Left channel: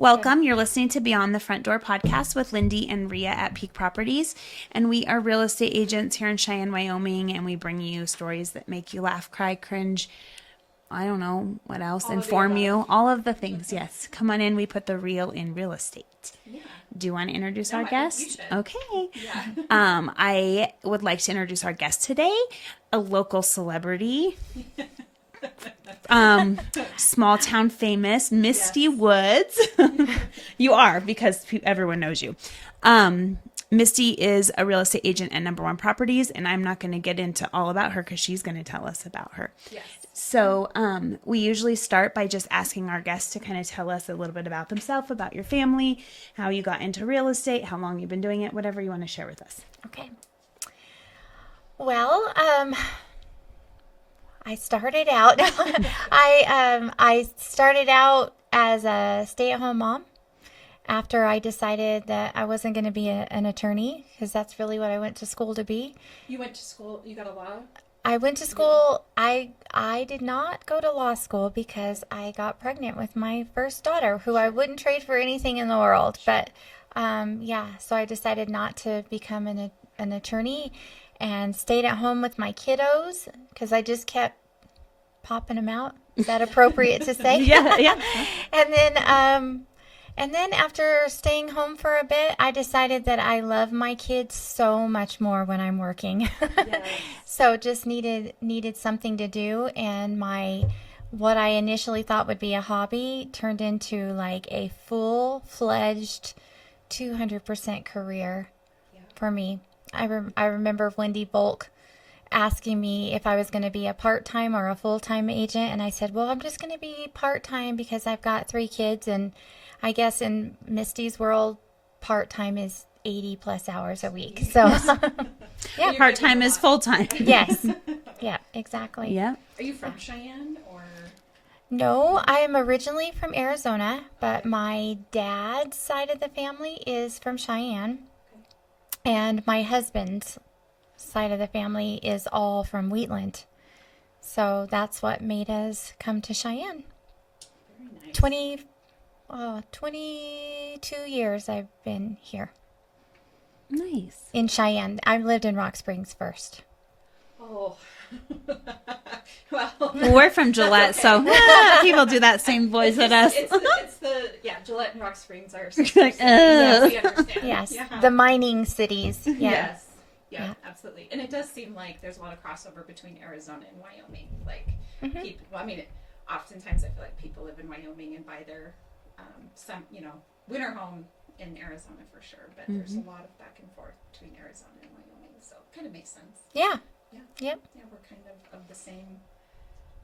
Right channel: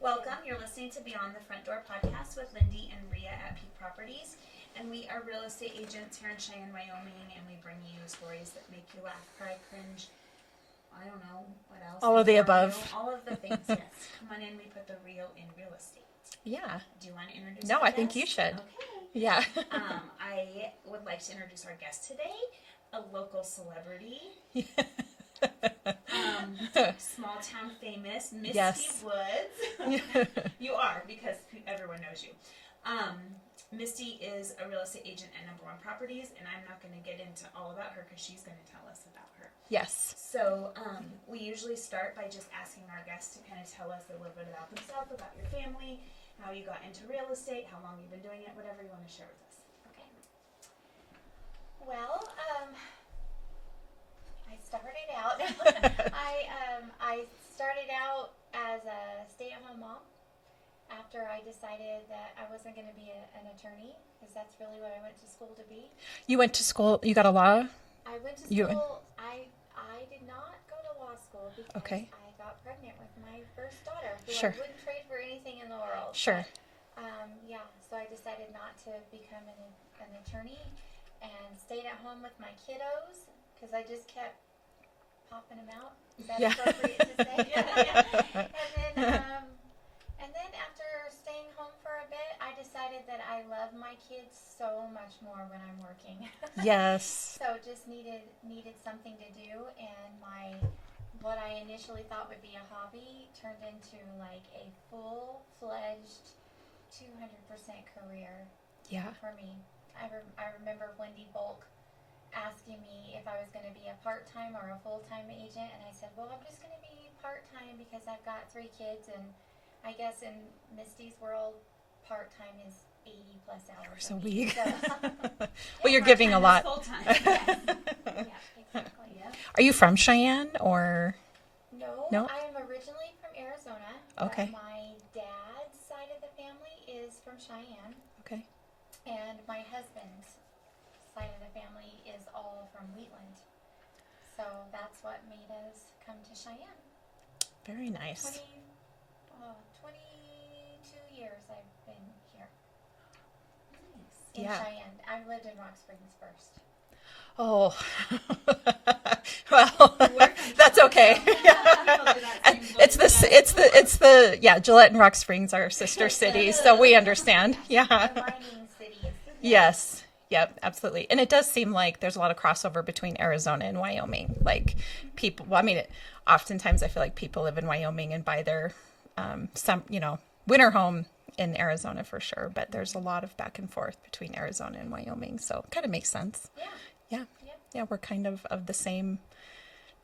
Welcome. You're listening to Beyond the Front Door podcast with Lindee and Rhea at Peak Properties. And we are real estate agents here in Cheyenne, Wyoming. And we bring you stories that make you laugh, cry, cringe. I don't know what else. All inform you. All of the things. Yes. Come on in. We put the real in real estate. Yeah. Do you want to introduce No, our I guest? think you should. Okay. Yeah. I would like to introduce our guest today, a local celebrity. Small town famous, Mistie Woods. You are, because everyone knows you. Mistie is a real estate agent at Number One Properties, and I'm not going to get into all about her because she's going to tell us about her. Yes. So we usually start by just asking our guests to kind of tell us a little bit about themselves, about your family, how you got into real estate, how long you've been doing it, whatever you want to share with us. Okay. Well, I started out. I started out as a stay-at-home mom after I decided that I wasn't going to be an attorney, because that's really what I went to school to be. You went to school. You got a law. I went to school. I did not go to law school because I got pregnant with my first daughter, who I wouldn't trade for anything in the world. Sure. But so I decided not to become an attorney, and stayed at home with my kiddos because I just kept popping them out. Is that appropriate to say? Yeah. And then after staying home for a bit, I decided that I love my kids so much more when I'm working. Yes. So just needed something to do, and what I initially thought would be a hobby turned into like a full-fledged 200% career for me. I remember Wendy Volk asking me if I was going to be a part-time or a full-time agent, and I said, well, I'm just going to be part-time because I've got 3 kids, and I guess in Mistie's world, part-time is 80 plus hours a week. So Part-time is full-time. Yes. Yeah, exactly. Yeah. Are you from Cheyenne or? No, I am originally from Arizona, but my dad's side of the family is from Cheyenne. Okay. And my husband's side of the family is all from Wheatland. So that's what made us come to Cheyenne. Very nice. 22 years I've been here. Nice. In Cheyenne. I lived in Rock Springs first. Oh. Well, we're from Gillette, so people do that same voice with us. It's the Gillette and Rock Springs are sister cities, so we understand. Yes. Yeah. The mining cities. Yeah. Yes. Yeah, absolutely. And it does seem like there's a lot of crossover between Arizona and Wyoming. Like people, well, I mean, oftentimes I feel like people live in Wyoming and buy their winter home in Arizona for sure. But there's a lot of back and forth between Arizona and Wyoming. So it kind of makes sense. Yeah. Yeah. Yep. Yeah, we're kind of the same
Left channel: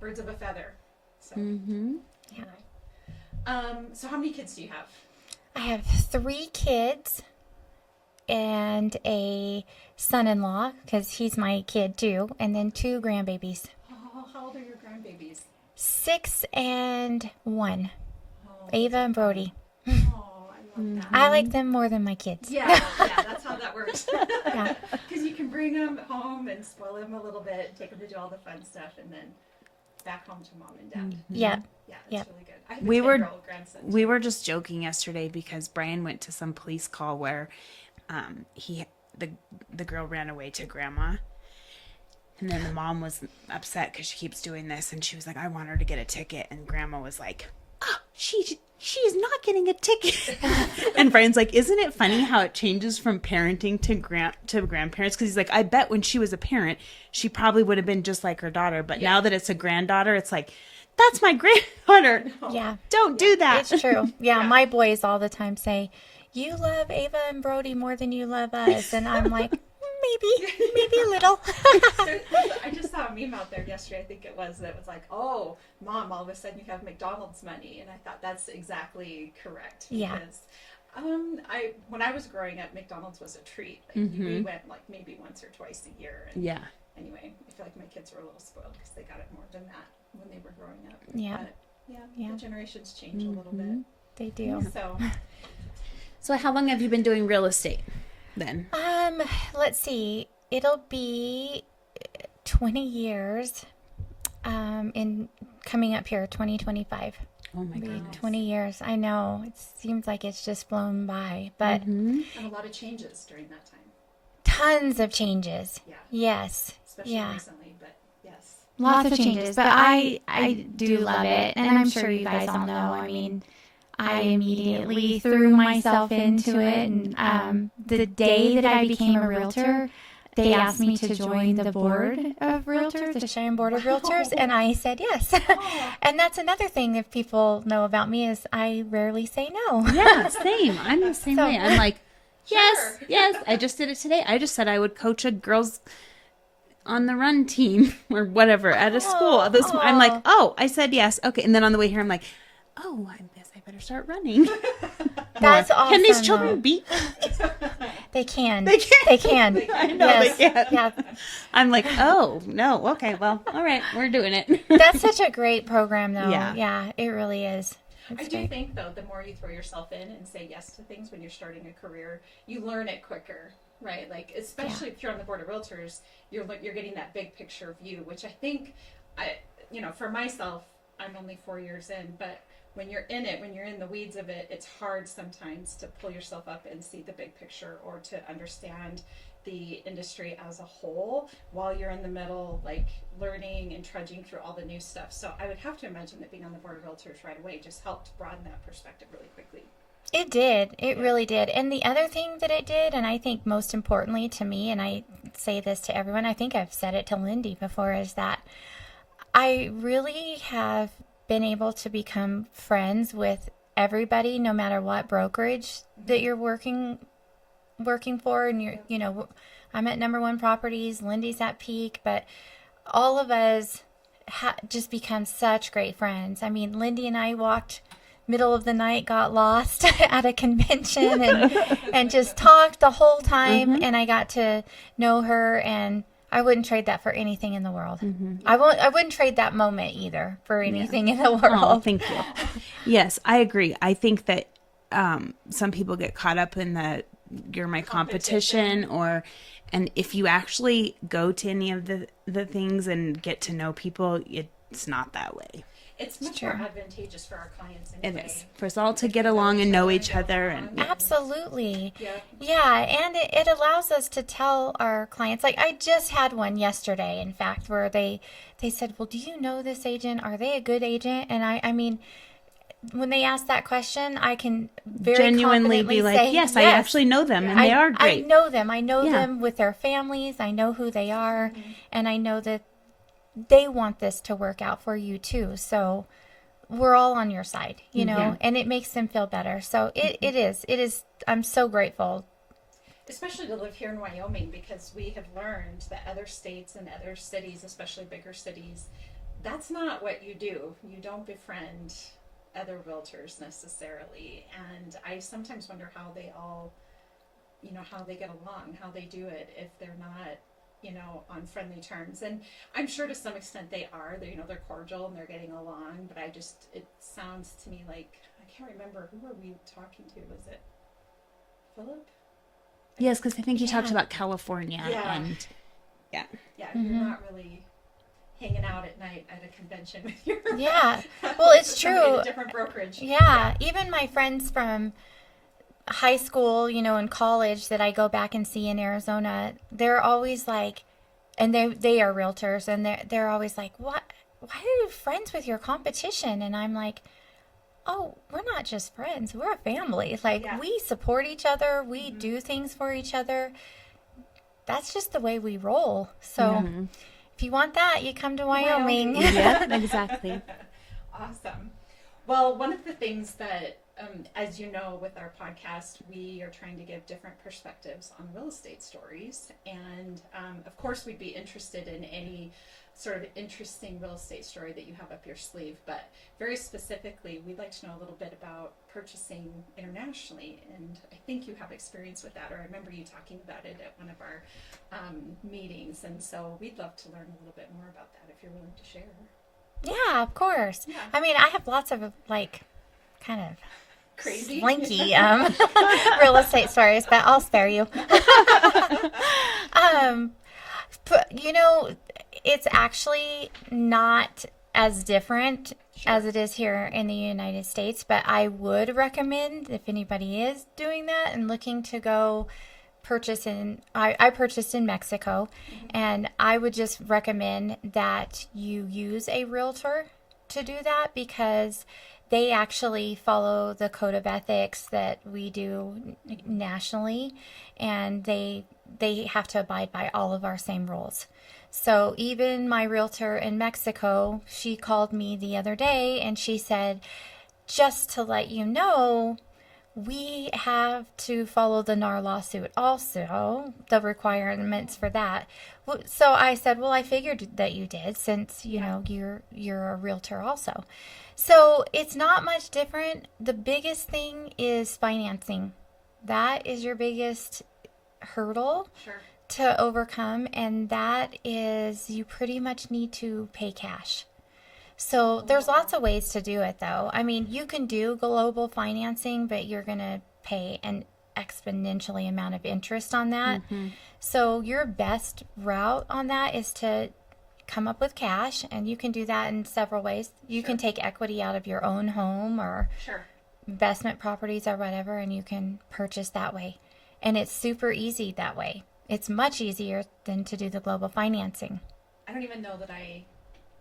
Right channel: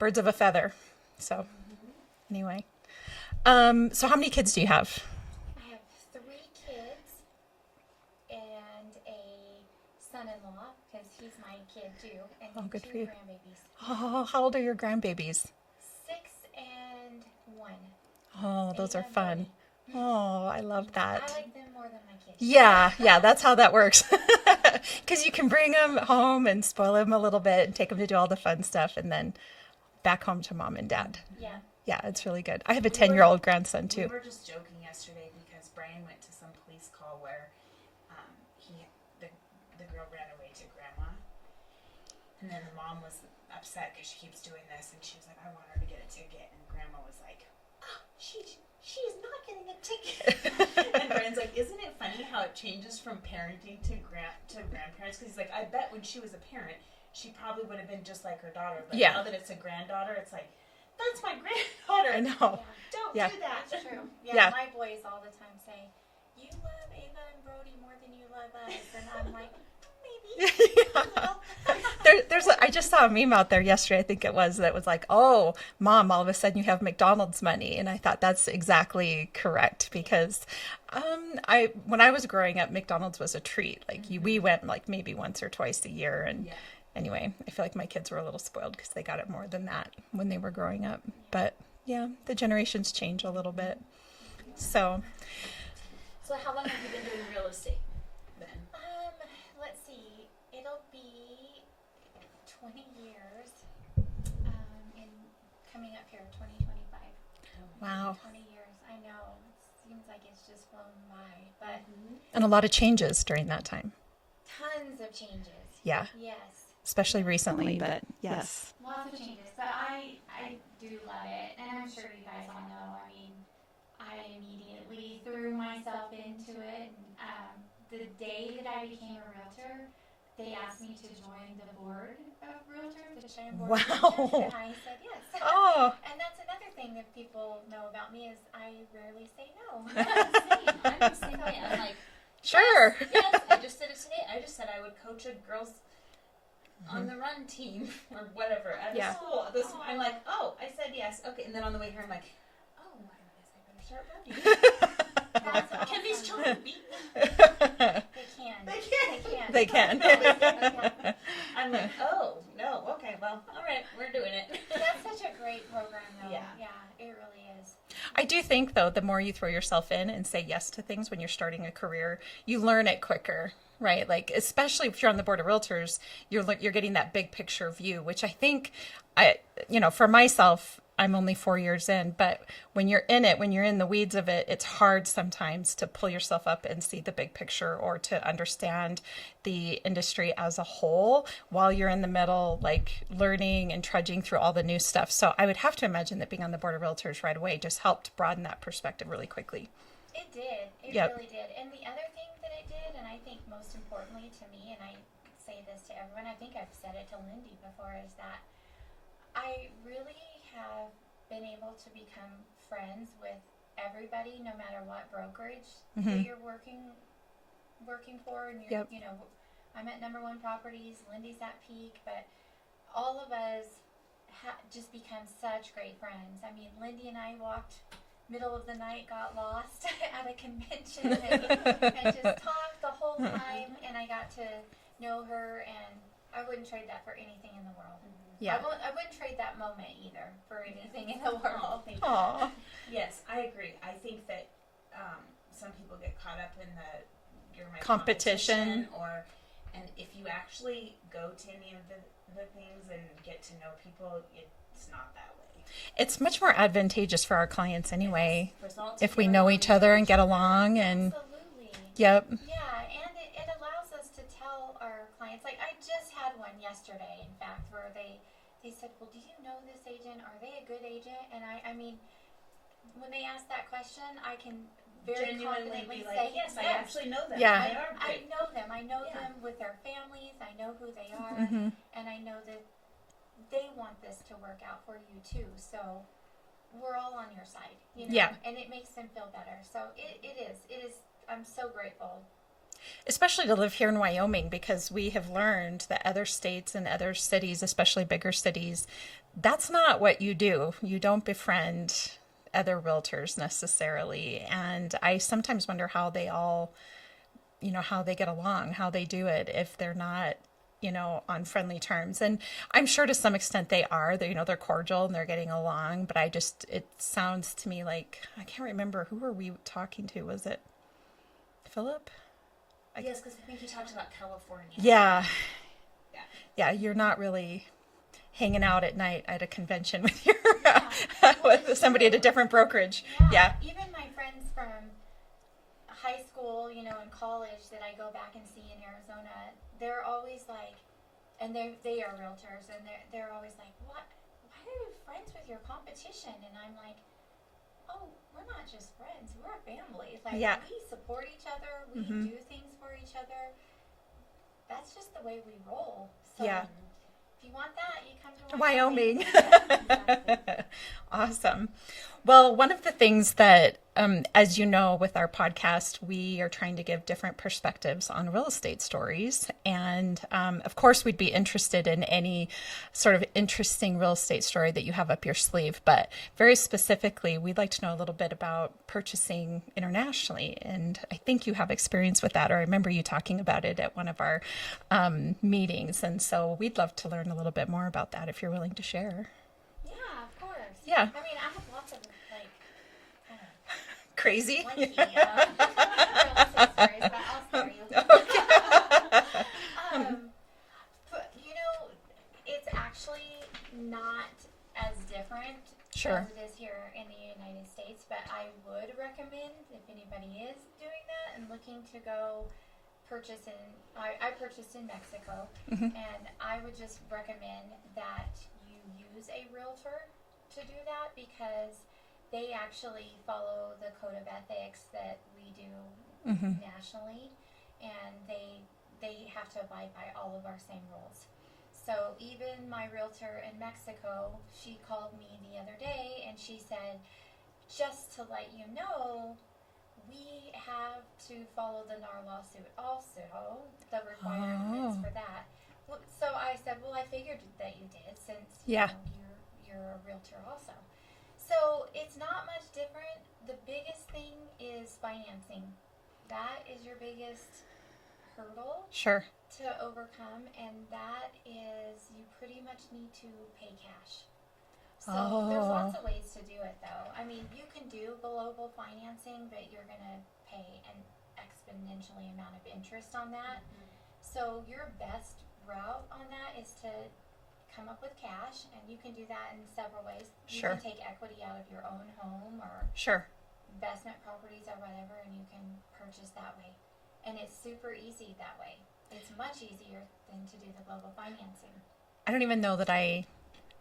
birds of a feather. So anyway. So how many kids do you have? I have 3 kids and a son-in-law, because he's my kid too, and then 2 grandbabies. Oh, how old are your grandbabies? 6 and 1. Oh, Ava and Brody. Oh, I love that. I like them more than my kids. Yeah, that's how that works. Because you can bring them home and spoil them a little bit and take them to do all the fun stuff, and then back home to mom and dad. Yeah. Yeah, it's really good. I have a 10-year-old grandson too. We were just joking yesterday because Brian went to some police call where the girl ran away to grandma, and then the mom was upset because she keeps doing this, and she was like, I want her to get a ticket, and grandma was like, oh, she's not getting a ticket. And Brian's like, isn't it funny how it changes from parenting to grandparents? Because he's like, I bet when she was a parent she probably would have been just like her daughter, but now that it's a granddaughter, it's like, that's my granddaughter. No, don't do that. It's true. Yeah, my boys all the time say, you love Ava and Brody more than you love us. And I'm like, maybe a little. I just saw a meme out there yesterday, I think it was, that was like, oh, Mom, all of a sudden you have McDonald's money. And I thought that's exactly correct, because when I was growing up, McDonald's was a treat. Like we went like maybe once or twice a year. And anyway, I feel like my kids were a little spoiled because they got it more than that when they were growing up. Yeah. But the generations change a little bit. They do. So how long have you been doing real estate then? Let's see. It'll be 20 years in coming up here, 2025. Oh my Wow. goodness. 20 years. I know. It seems like it's just flown by, but And a lot of changes during that time. tons of changes. Yeah. Yes. Especially Yeah. recently, but yes. Lots of changes, but I do love it, and I'm sure you guys all know. I mean, I immediately threw myself into it, and the day that I became a realtor, they asked me to join the board of realtors, the Cheyenne Board of Realtors, and I said yes. Oh. And that's another thing that people know about me is I rarely say no. Yeah, same. I'm the same way. I'm like, Sure. yes. I just did it today. I just said I would coach a girls on the run team or whatever at a school. I'm like, oh, I said yes. Okay. And then on the way here, I'm like, oh, I guess I better start running. That's awesome. Can these children beat? They can. They can. They can. They can. No, Yes. they can't. Yeah. I'm like, oh, no. Okay. Well, all right. We're doing it. That's such a great program, though. Yeah. Yeah, it really is. I do think, though, the more you throw yourself in and say yes to things when you're starting a career, you learn it quicker, right? Like, especially if you're on the board of realtors, you're getting that big picture view, which I think, for myself, I'm only 4 years in, but when you're in it, when you're in the weeds of it, it's hard sometimes to pull yourself up and see the big picture or to understand the industry as a whole while you're in the middle, like learning and trudging through all the new stuff. So I would have to imagine that being on the board of realtors right away just helped broaden that perspective really quickly. It did. It Yeah. really did. And the other thing that it did, and I think most importantly to me, and I say this to everyone, I think I've said it to Lindee before, is that I really have been able to become friends with everybody, no matter what brokerage that you're working for. And you're, Yep. I'm at Number One Properties, Lindee's at Peak, but all of us just become such great friends. I mean, Lindee and I walked middle of the night, got lost at a convention and just talked the whole time. And I got to know her, and I wouldn't trade that for anything in the world. I wouldn't trade that moment either for anything in the world. Oh, thank you. Yes, I agree. I think that some people get caught up in the you're my competition and if you actually go to any of the things and get to know people, it's not that way. It's much more advantageous for our clients anyway. For us all to If get we know along each and know other and each get other. along. And, Absolutely. yep. Yeah, and it allows us to tell our clients. Like, I just had one yesterday, in fact, where they said, well, do you know this agent? Are they a good agent? And I mean, when they ask that question, I can very genuinely confidently be like, say, yes, I actually know them, and they are great. I know them. I know Yeah. them with their families. I know who they are, and I know that they want this to work out for you too. So we're all on your side, Yeah. and it makes them feel better. So it is. I'm so grateful. Especially to live here in Wyoming, because we have learned that other states and other cities, especially bigger cities, that's not what you do. You don't befriend other realtors necessarily. And I sometimes wonder how they all, how they get along, how they do it if they're not, on friendly terms. And I'm sure to some extent they are. They're cordial and they're getting along. But it sounds to me like, I can't remember, who were we talking to? Was it Philip? Yes, because I think you talked about California. Yeah. And, Yeah, you're not really hanging out at night at a convention with your Yeah. Well, it's somebody true. at a different brokerage. Yeah. Even my friends from high school, and college that I go back and see in Arizona, they're always like, and they are realtors, and they're always like, what? Why are you friends with your competition? And I'm like, oh, we're not just friends. We're a family. Like, Yeah. we support each other. We do things for each other. That's just the way we roll. So if you want that, you come to Wyoming. yeah, exactly. Awesome. Well, one of the things that, as you know, with our podcast, we are trying to give different perspectives on real estate stories. And of course, we'd be interested in any sort of interesting real estate story that you have up your sleeve. But very specifically, we'd like to know a little bit about purchasing internationally. And I think you have experience with that, or I remember you talking about it at one of our meetings. And so we'd love to learn a little bit more about that if you're willing to share. Yeah, of course. Yeah. I mean, I have lots of kind of Crazy. slinky real estate stories, but I'll spare you. But it's actually not as different Sure. as it is here in the United States, but I would recommend if anybody is doing that and looking to go purchase I purchased in Mexico, and I would just recommend that you use a realtor to do that because they actually follow the code of ethics that we do nationally, and they have to abide by all of our same rules. So even my realtor in Mexico, she called me the other day and she said, just to let you know, we have to follow the NAR lawsuit also, the requirements for that. So I said, well, I figured that you did since, you know, you're a realtor also. So it's not much different. The biggest thing is financing. That is your biggest hurdle. Sure. To overcome, and that is you pretty much need to pay cash. So there's lots of ways to do it though. I mean, you can do global financing, but you're going to pay an exponentially amount of interest on that. So your best route on that is to come up with cash, and you can do that in several ways. You can take equity out of your own home or investment properties or whatever, and you can purchase that way. And it's super easy that way. It's much easier than to do the global financing. I don't even know that I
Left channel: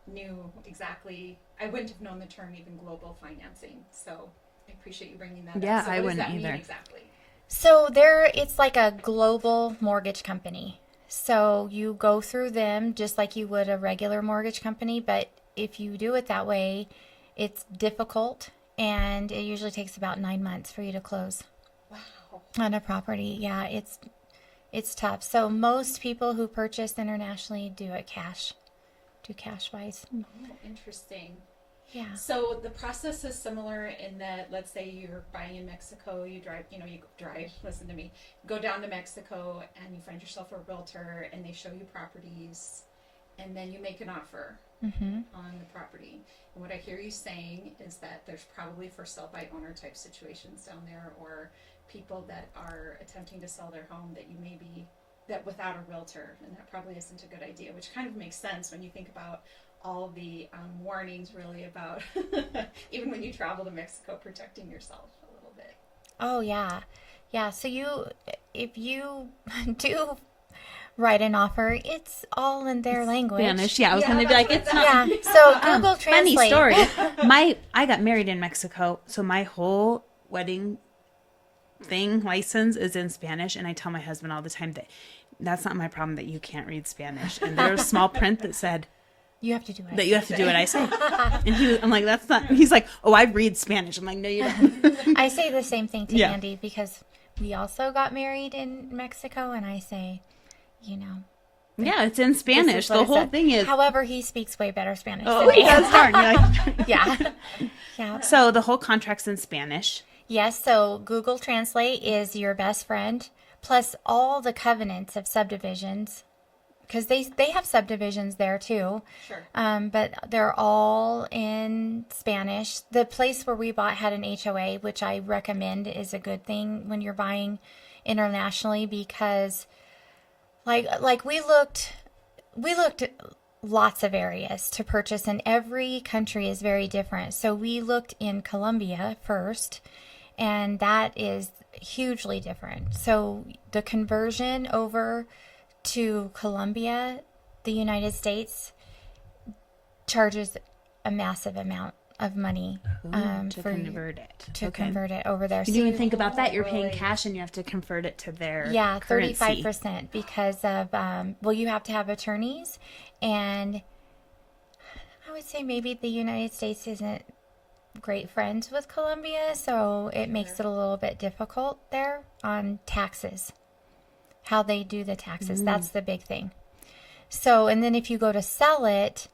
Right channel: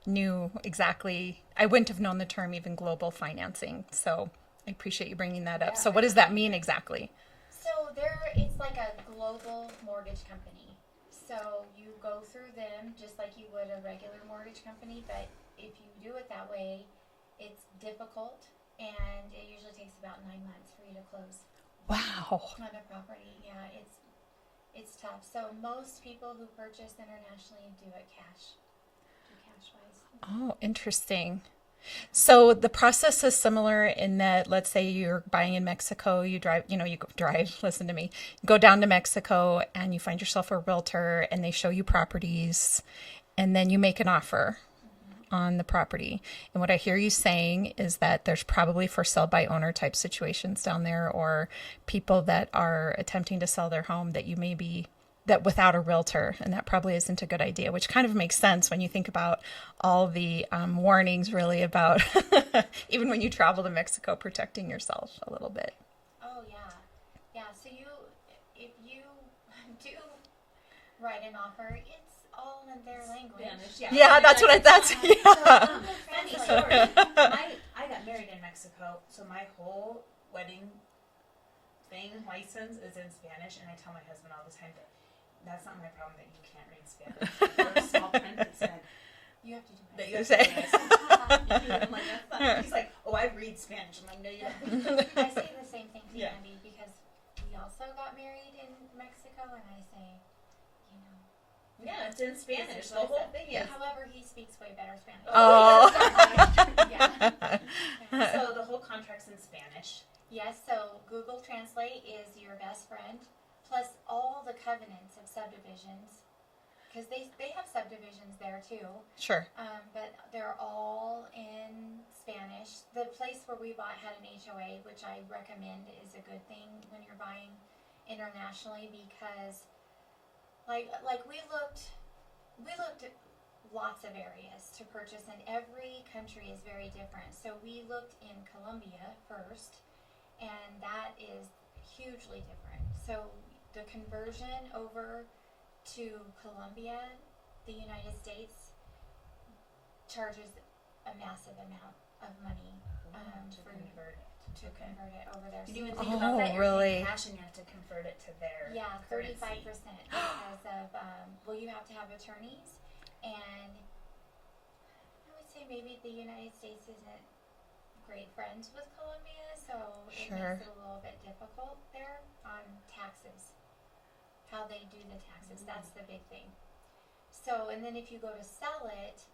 knew exactly. I wouldn't have known the term even global financing. So I appreciate you bringing that up. So what does that mean exactly? So it's like a global mortgage company. So you go through them just like you would a regular mortgage company. But if you do it that way, it's difficult. And it usually takes about 9 months for you to close. Wow. On a property. Yeah, it's tough. So most people who purchase internationally do cash wise. Oh, interesting. Yeah. So the process is similar in that, let's say you're buying in Mexico, you drive, listen to me, go down to Mexico and you find yourself a realtor and they show you properties and then you make an offer on the property. And what I hear you saying is that there's probably for sell by owner type situations down there, or people that are attempting to sell their home that without a realtor, and that probably isn't a good idea, which kind of makes sense when you think about all the warnings really about even when you travel to Mexico, protecting yourself a little bit. Oh yeah. So if you do write an offer, it's all in their language. Spanish, yeah. That's what I thought. Yeah. So Google Funny Translate. story. I got married in Mexico, so my whole wedding license is in Spanish, and I tell my husband all the time that that's not my problem that you can't read Spanish. And there was small print that said you have to do it. That you have to do what I say. And I'm like, that's not. He's like, oh, I read Spanish. I'm like, no, you don't. I say the same thing to Andy because we also got married in Mexico, and I say, yeah, it's in Spanish. The whole thing is. However, he speaks way better Spanish. Yeah. So the whole contract's in Spanish. Yes. So Google Translate is your best friend. Plus all the covenants of subdivisions, because they have subdivisions there too. Sure. But they're all in Spanish. The place where we bought had an HOA, which I recommend is a good thing when you're buying internationally, because like we looked at lots of areas to purchase, and every country is very different. So we looked in Colombia first, and that is hugely different. So the conversion over to Colombia, the United States, charges a massive amount of money to convert it. Convert it over there. You didn't even think about that. You're paying cash and you have to convert it to their currency. 35% because of you have to have attorneys, and I would say maybe the United States isn't great friends with Colombia, so it makes it a little bit difficult there on taxes, how they do the taxes. That's the big thing. So, and then if you go to sell it,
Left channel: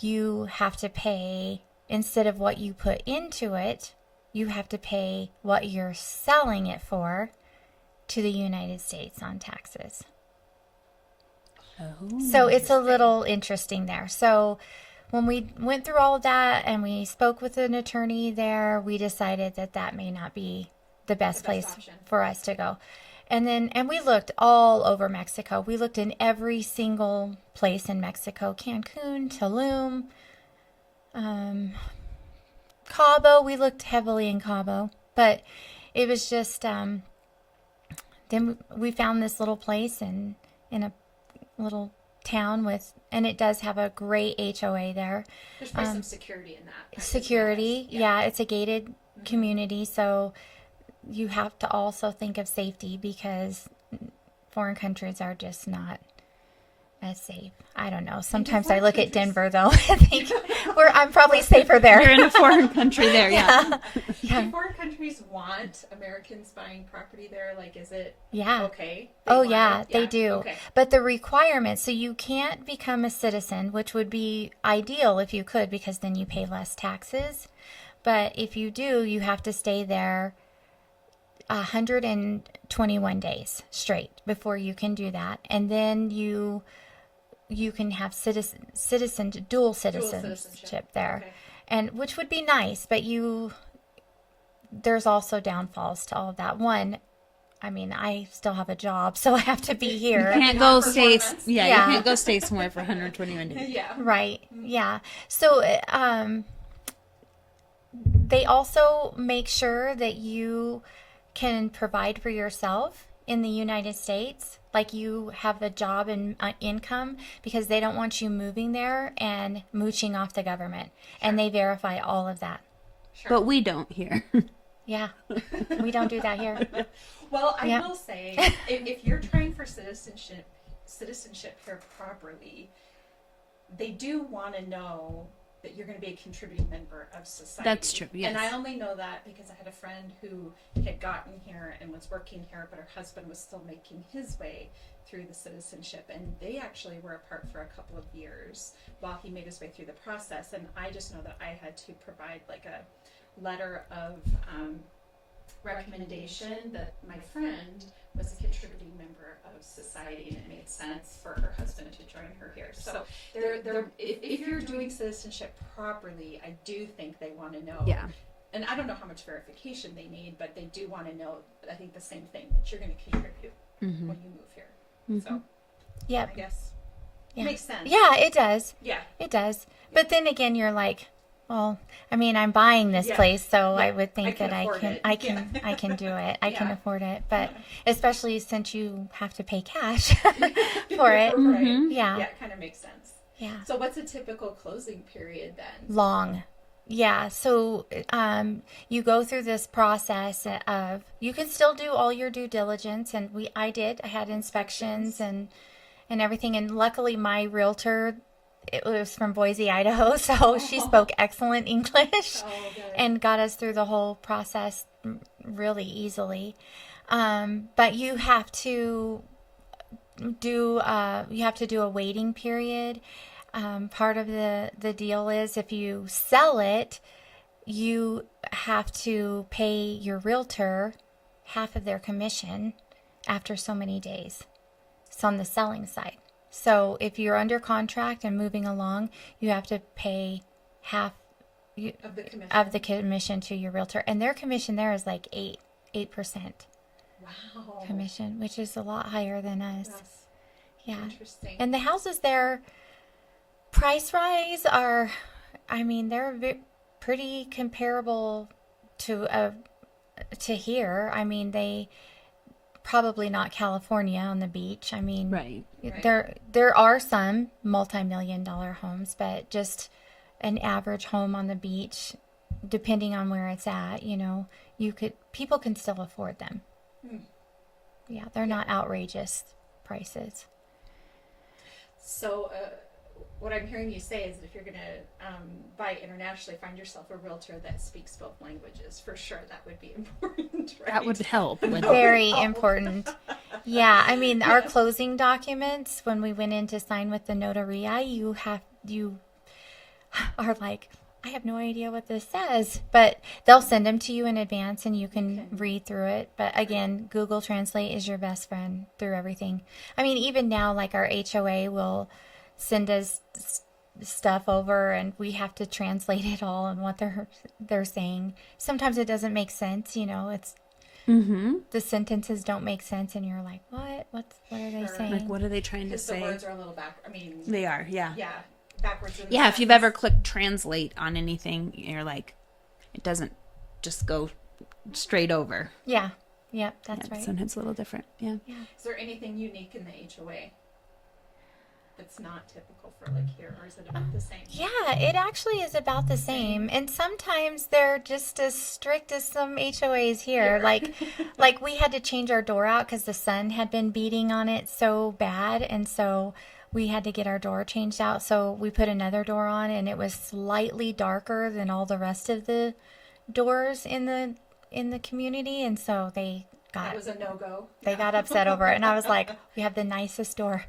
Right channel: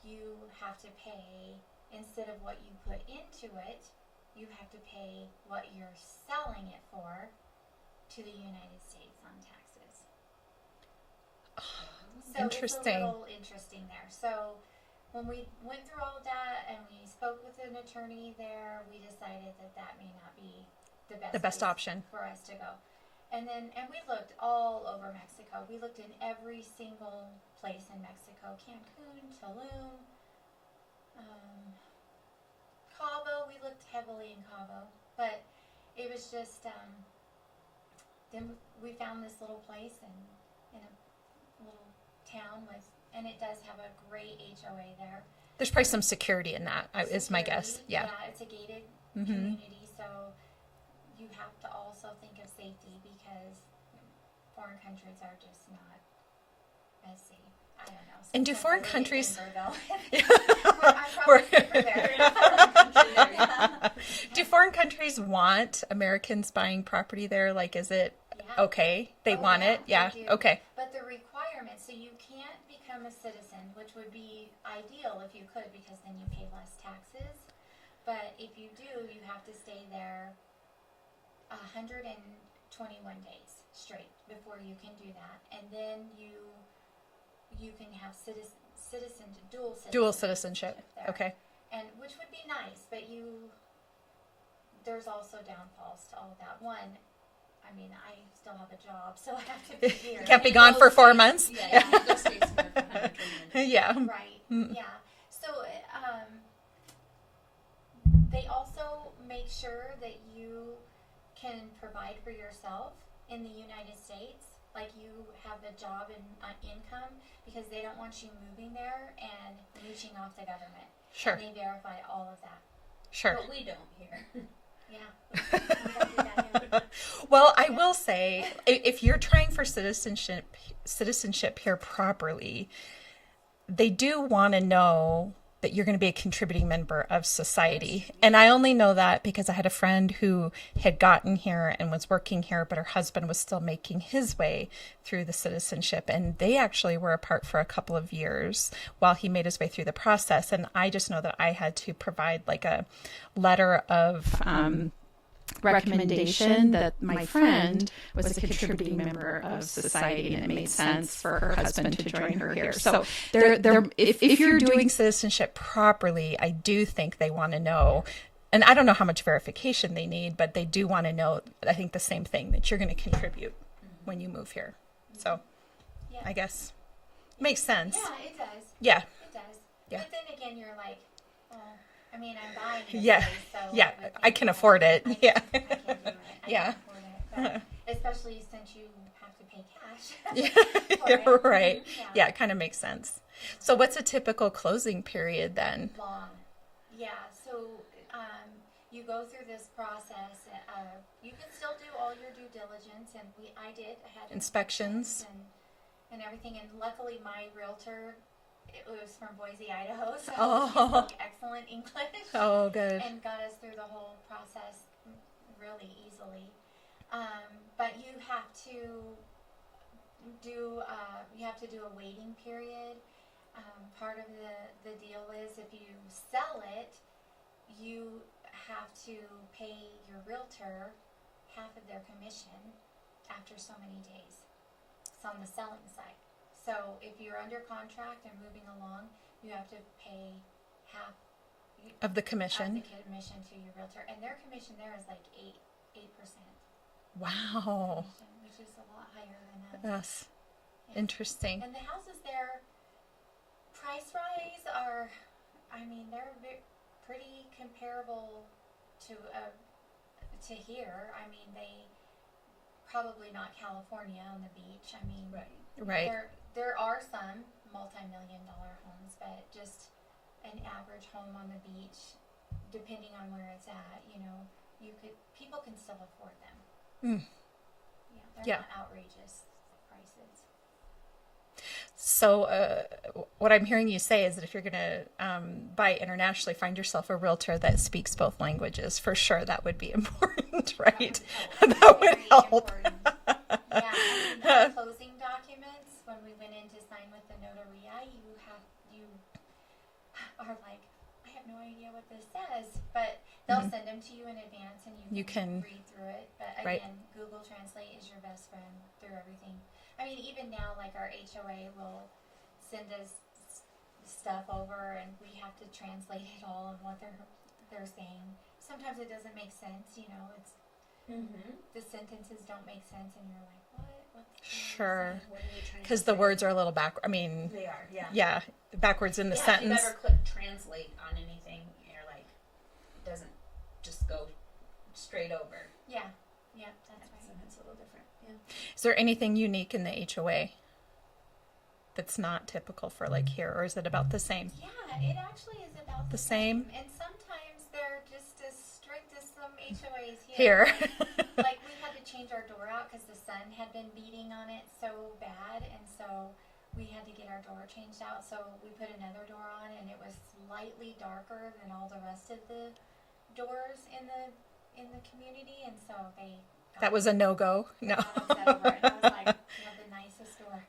you have to pay, instead of what you put into it, you have to pay what you're selling it for to the United States on taxes. So it's a little interesting there. So when we went through all of that and we spoke with an attorney there, we decided that may not be the best place option for us to go. And we looked all over Mexico. We looked in every single place in Mexico, Cancun, Tulum, Cabo, we looked heavily in Cabo, but it was just, then we found this little place in a little town with, and it does have a great HOA there. There's probably some security in that. is my guess. Security, yeah, it's a gated community, so you have to also think of safety because foreign countries are just not as safe. I don't know. Sometimes I look at Denver though. and think, I'm probably safer there. You're in a foreign country there, yeah. Do foreign countries want Americans buying property there? Like, is it okay? They want it? They do. Okay. But the requirements, so you can't become a citizen, which would be ideal if you could, because then you pay less taxes. But if you do, you have to stay there 121 days straight before you can do that. And then you can have dual citizenship there. Okay. And which would be nice, but there's also downfalls to all of that. One, I mean, I still have a job, so I have to be here. You can't be gone for 4 months. Yeah, you can't go stay somewhere for 121 days. Yeah. Right. Yeah. So they also make sure that you can provide for yourself in the United States. Like you have a job and income, because they don't want you moving there and mooching off the government. Sure. And they verify all of that. Sure. But we don't here. Yeah. We don't do that here. Well, I will say, if you're trying for citizenship here properly, they do want to know that you're going to be a contributing member of society. That's true, yeah. And I only know that because I had a friend who had gotten here and was working here, but her husband was still making his way through the citizenship. And they actually were apart for a couple of years while he made his way through the process. And I just know that I had to provide like a letter of recommendation that my friend was a contributing member of society, and it made sense for her husband to join her here. So if you're doing citizenship properly, I do think they want to know. Yeah. And I don't know how much verification they need, but they do want to know, I think, the same thing, that you're going to contribute when you move here. So yeah, I guess makes sense. Yeah, it does. Yeah, it does. Yeah. But then again, you're like, well, I mean, I'm buying this place, so I would think I can afford it. I can do it. I can afford it. But especially since you have to pay cash for it. Right. Mm-hmm. Yeah, it kind of makes sense. Yeah. So what's a typical closing period then? Long. Yeah. So you go through this process of, you can still do all your due diligence, and I had inspections and everything. And luckily my realtor, it was from Boise, Idaho, so she spoke excellent English. Oh, good. And got us through the whole process really easily. But you have to do a waiting period. Part of the deal is, if you sell it, you have to pay your realtor half of their commission after so many days. It's on the selling side. So if you're under contract and moving along, you have to pay half of the commission to your realtor, and their commission there is like 8%. Wow. Commission, which is a lot higher than us. Yes. Yeah. Interesting. And the houses there, price-wise, they're pretty comparable to here. I mean, they probably not California on the beach. I mean, right. There are some multi-million-dollar homes, but just an average home on the beach, depending on where it's at, people can still afford them. Yeah, they're not outrageous prices. So what I'm hearing you say is that if you're going to buy internationally, find yourself a realtor that speaks both languages. For sure, that would be important, right? That would help. Very important. Yeah, I mean, our closing documents, when we went in to sign with the notaria, you are like, I have no idea what this says, but they'll send them to you in advance, and you can read through it. But again, Google Translate is your best friend through everything. I mean, even now, like our HOA will send us stuff over, and we have to translate it all and what they're saying. Sometimes it doesn't make sense, it's the sentences don't make sense, and you're like, what are they saying? Like, what are they trying to say? Because the words are a little back. I mean, they are, yeah. Yeah. backwards in the Yeah, sentence. if you've ever clicked translate on anything, you're like, it doesn't just go straight over. Yeah. Yep, that's Yeah, right. sometimes a little different. Yeah. Is there anything unique in the HOA that's not typical for like here, or is it about the same? Yeah, it actually is about the same. And sometimes they're just as strict as some HOAs here. Like we had to change our door out because the sun had been beating on it so bad, and so we had to get our door changed out. So we put another door on, and it was slightly darker than all the rest of the doors in the community, and so That was a no-go. they got upset over it, and I was like, we have the nicest door.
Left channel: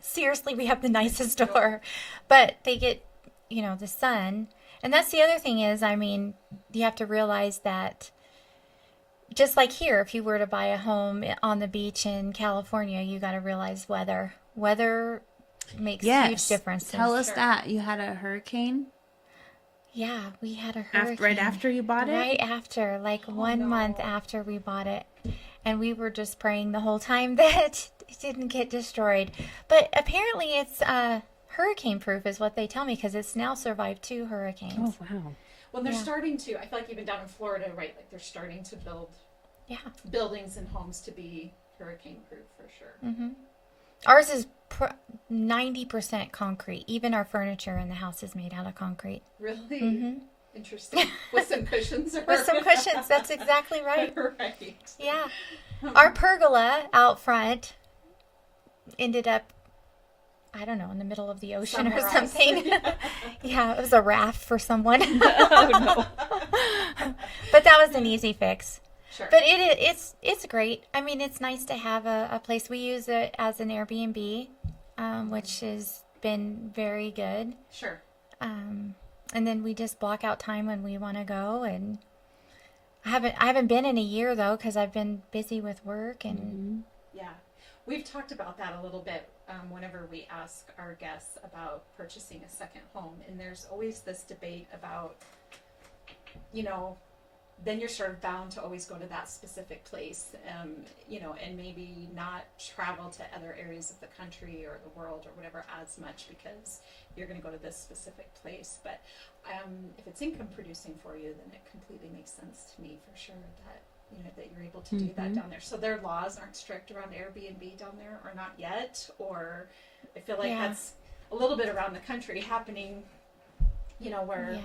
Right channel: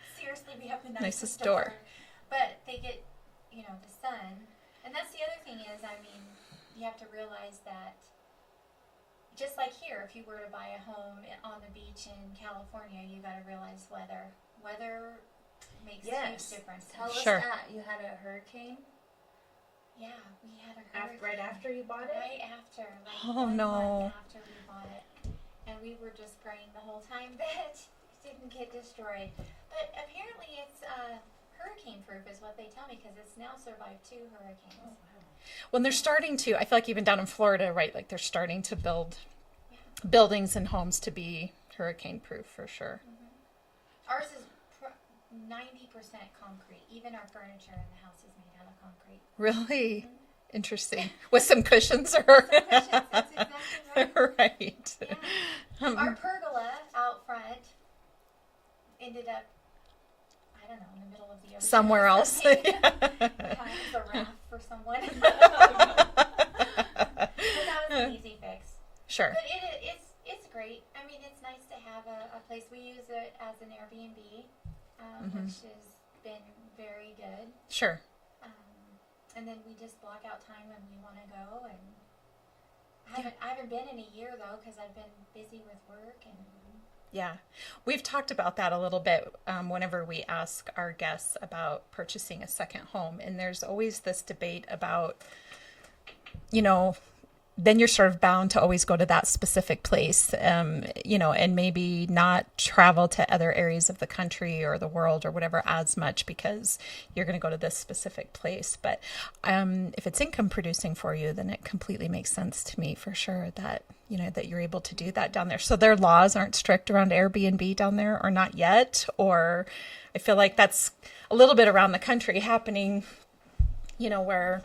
Seriously, we have the nicest door. But they get, the sun. And that's the other thing is, I mean, you have to realize that just like here, if you were to buy a home on the beach in California, you got to realize weather. Weather makes huge differences. Tell us that. You had a hurricane? Yeah, we had a hurricane. Right after you bought it? Right after, like 1 month after we bought it. And we were just praying the whole time that it didn't get destroyed. But apparently it's hurricane proof is what they tell me, because it's now survived 2 hurricanes. Oh, wow. Well, they're starting to, I feel like even down in Florida, right, like they're starting to build Yeah. buildings and homes to be hurricane proof for sure. Mm-hmm. Ours is 90% concrete. Even our furniture in the house is made out of concrete. Really? Mm-hmm. Interesting. With some cushions or With some cushions. That's exactly right. Right. Yeah. Our pergola out front ended up, I don't know, in the middle of the ocean Somewhere or else. something. Yeah, it was a raft for someone. But that was an easy fix. Sure. But it's great. I mean, it's nice to have a place. We use it as an Airbnb, which has been very good. Sure. And then we just block out time when we want to go. And I haven't been in a year though, because I've been busy with work and. Yeah. We've talked about that a little bit whenever we ask our guests about purchasing a second home. And there's always this debate about, then you're sort of bound to always go to that specific place, and maybe not travel to other areas of the country or the world or whatever as much because you're going to go to this specific place. But if it's income producing for you, then it completely makes sense to me for sure that, that you're able to do that down there. So their laws aren't strict around Airbnb down there, or not yet, or I feel like that's a little bit around the country happening, where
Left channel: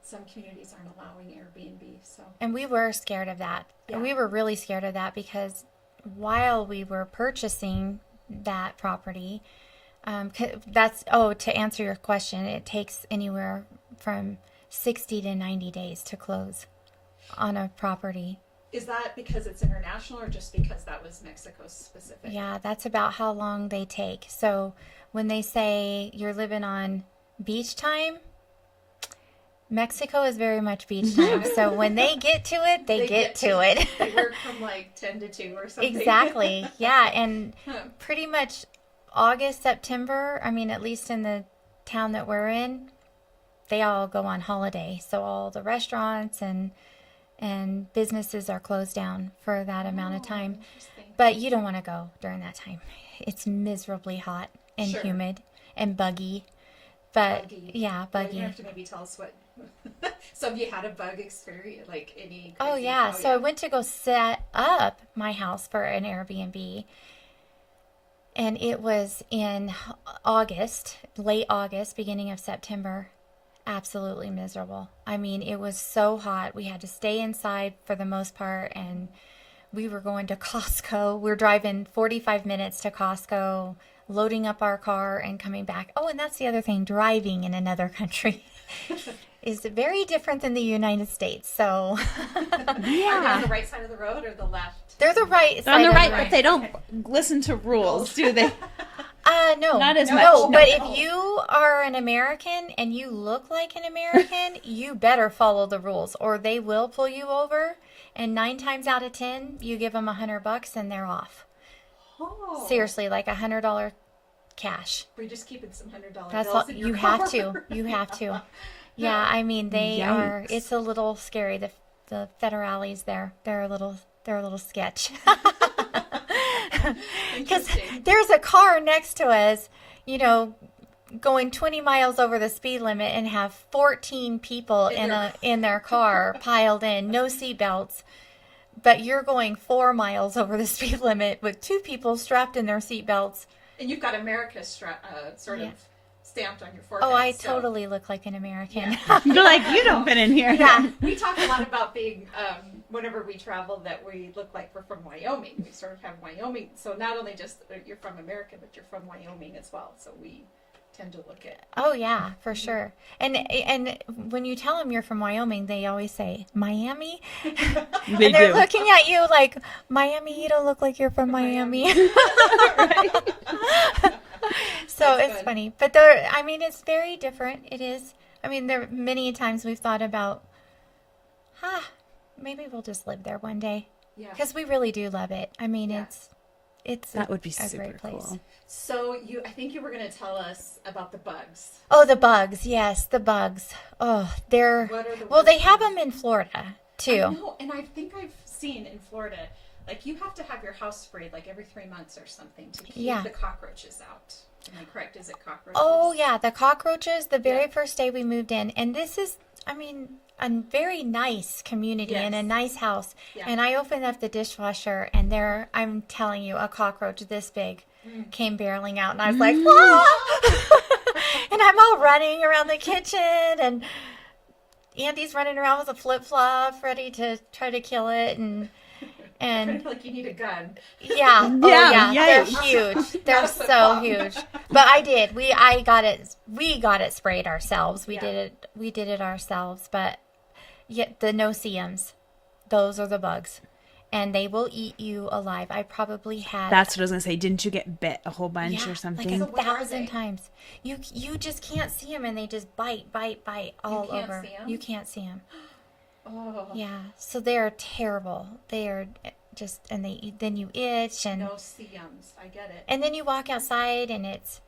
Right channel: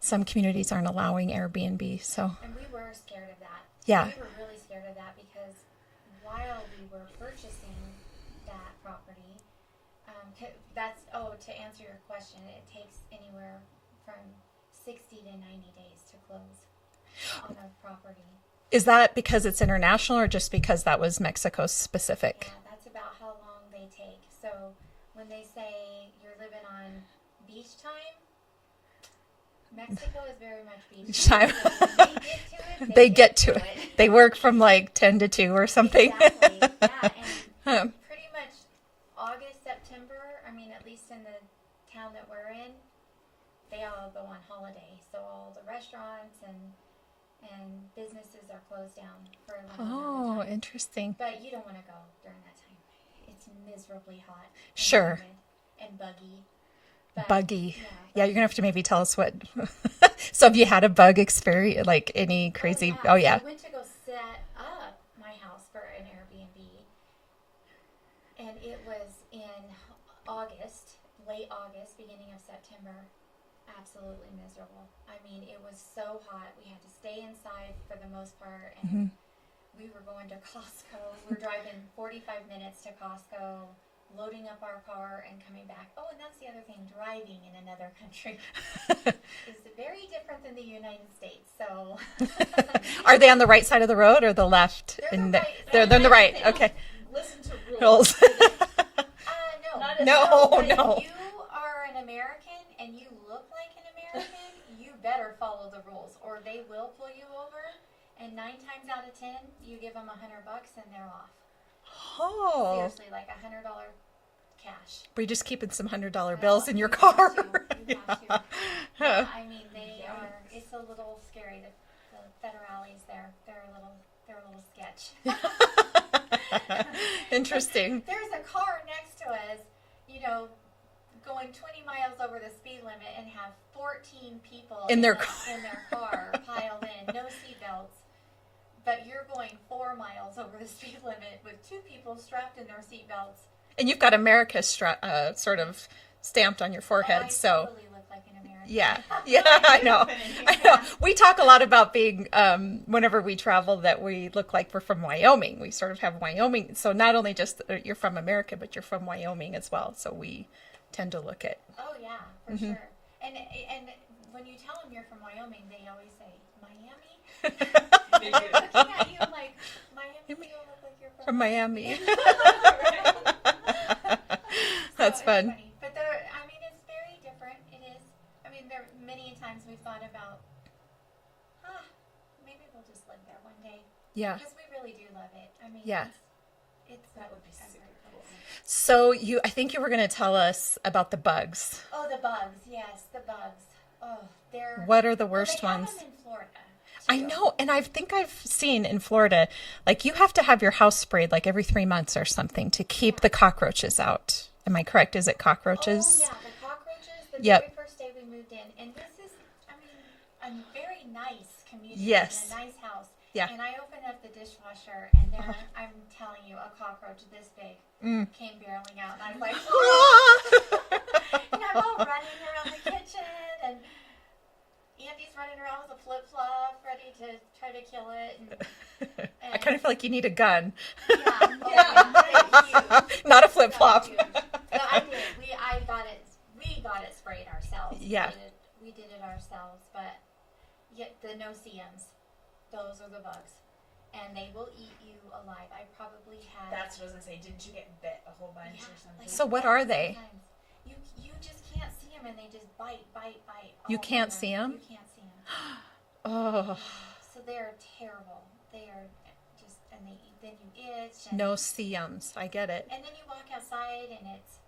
some communities aren't allowing Airbnb. So, and we were scared of that. Yeah. We were really scared of that because while we were purchasing that property, to answer your question, it takes anywhere from 60 to 90 days to close on a property. Is that because it's international or just because that was Mexico specific? Yeah, that's about how long they take. So when they say you're living on beach time, Mexico is very much beach time. So when they get to it, they get to it. They work from like 10 to 2 or something. Exactly. Yeah. And pretty much August, September, I mean, at least in the town that we're in, they all go on holiday. So all the restaurants and businesses are closed down for that amount of time. Interesting. But you don't want to go during that time. It's miserably hot and humid and buggy. But, buggy. Yeah, buggy. Yeah, you're going to have to maybe tell us what. So have you had a bug experience, like any crazy? Oh, yeah. So I went to go set up my house for an Airbnb. And it was in August, late August, beginning of September. Absolutely miserable. I mean, it was so hot. We had to stay inside for the most part. And we were going to Costco. We were driving 45 minutes to Costco, loading up our car and coming back. Oh, and that's the other thing. Driving in another country is very different than the United States. So Are they on the right side of the road or the left? they're the right On side. the the right. They don't listen to rules, do they? No. Not as no, much. but No. if you are an American and you look like an American, you better follow the rules or they will pull you over. And 9 times out of 10, you give them $100 and they're off. Oh. Seriously, like $100 cash. Were you just keeping some $100 That's bills all- in your you car? have to. You have to. Yeah, I mean they are. Yikes. It's a little scary. The federales there. They're a little sketch. Interesting. There's a car next to us, going 20 miles over the speed limit and have 14 people in their car piled in, no seatbelts. But you're going 4 miles over the speed limit with 2 people strapped in their seatbelts. And you've got America sort of stamped on your forehead. Oh, I totally look like an American. Yeah. You're like, we don't fit in here. Yeah. We talk a lot about being, whenever we travel, that we look like we're from Wyoming. We sort of have Wyoming. So not only just you're from America, but you're from Wyoming as well. So we tend to look at. Oh, yeah, for sure. And when you tell them you're from Wyoming, they always say, Miami? They They're do. looking at you like, Miami, you don't look like you're from Miami. Miami. So That's it's fun. funny. But it's very different. It is. I mean, there many times we've thought about, maybe we'll just live there one day. Yeah. Because we really do love it. I mean, Yeah. it's That would be a super great place. cool. So I think you were going to tell us about the bugs. Oh, the bugs. Yes, the bugs. Oh, they're... What are the Well, worst they have ones? them in Florida, too. I know, and I think I've seen in Florida, like you have to have your house sprayed like every 3 months or something to keep Yeah. the cockroaches out. Am I correct? Is it cockroaches? Oh, yeah, the cockroaches, the very Yep. first day we moved in. And this is, I mean, a very nice community Yes. and a nice house. Yeah. And I opened up the dishwasher, and there, I'm telling you, a cockroach this big came barreling out. And I was like, "Ah!" And I'm all running around the kitchen, and Andy's running around with a flip-flop, ready to try to kill it. And I kind of feel like you need a gun. yeah, oh, Yeah, yeah, yikes. they're huge. Not They're a flip-flop. so huge. But I did. We got it sprayed ourselves. We Yeah. did it ourselves. But yet the no-see-ums, those are the bugs, and they will eat you alive. I probably had That's what I was gonna say. Didn't you get bit a whole bunch or something? Like So what are they? 1,000 times. You just can't see them, and they just bite all over. can't see 'em? You can't see them. Oh, Yeah. So they are terrible. They are just, and then you itch and no see-ums. I get it. And then you walk outside and it's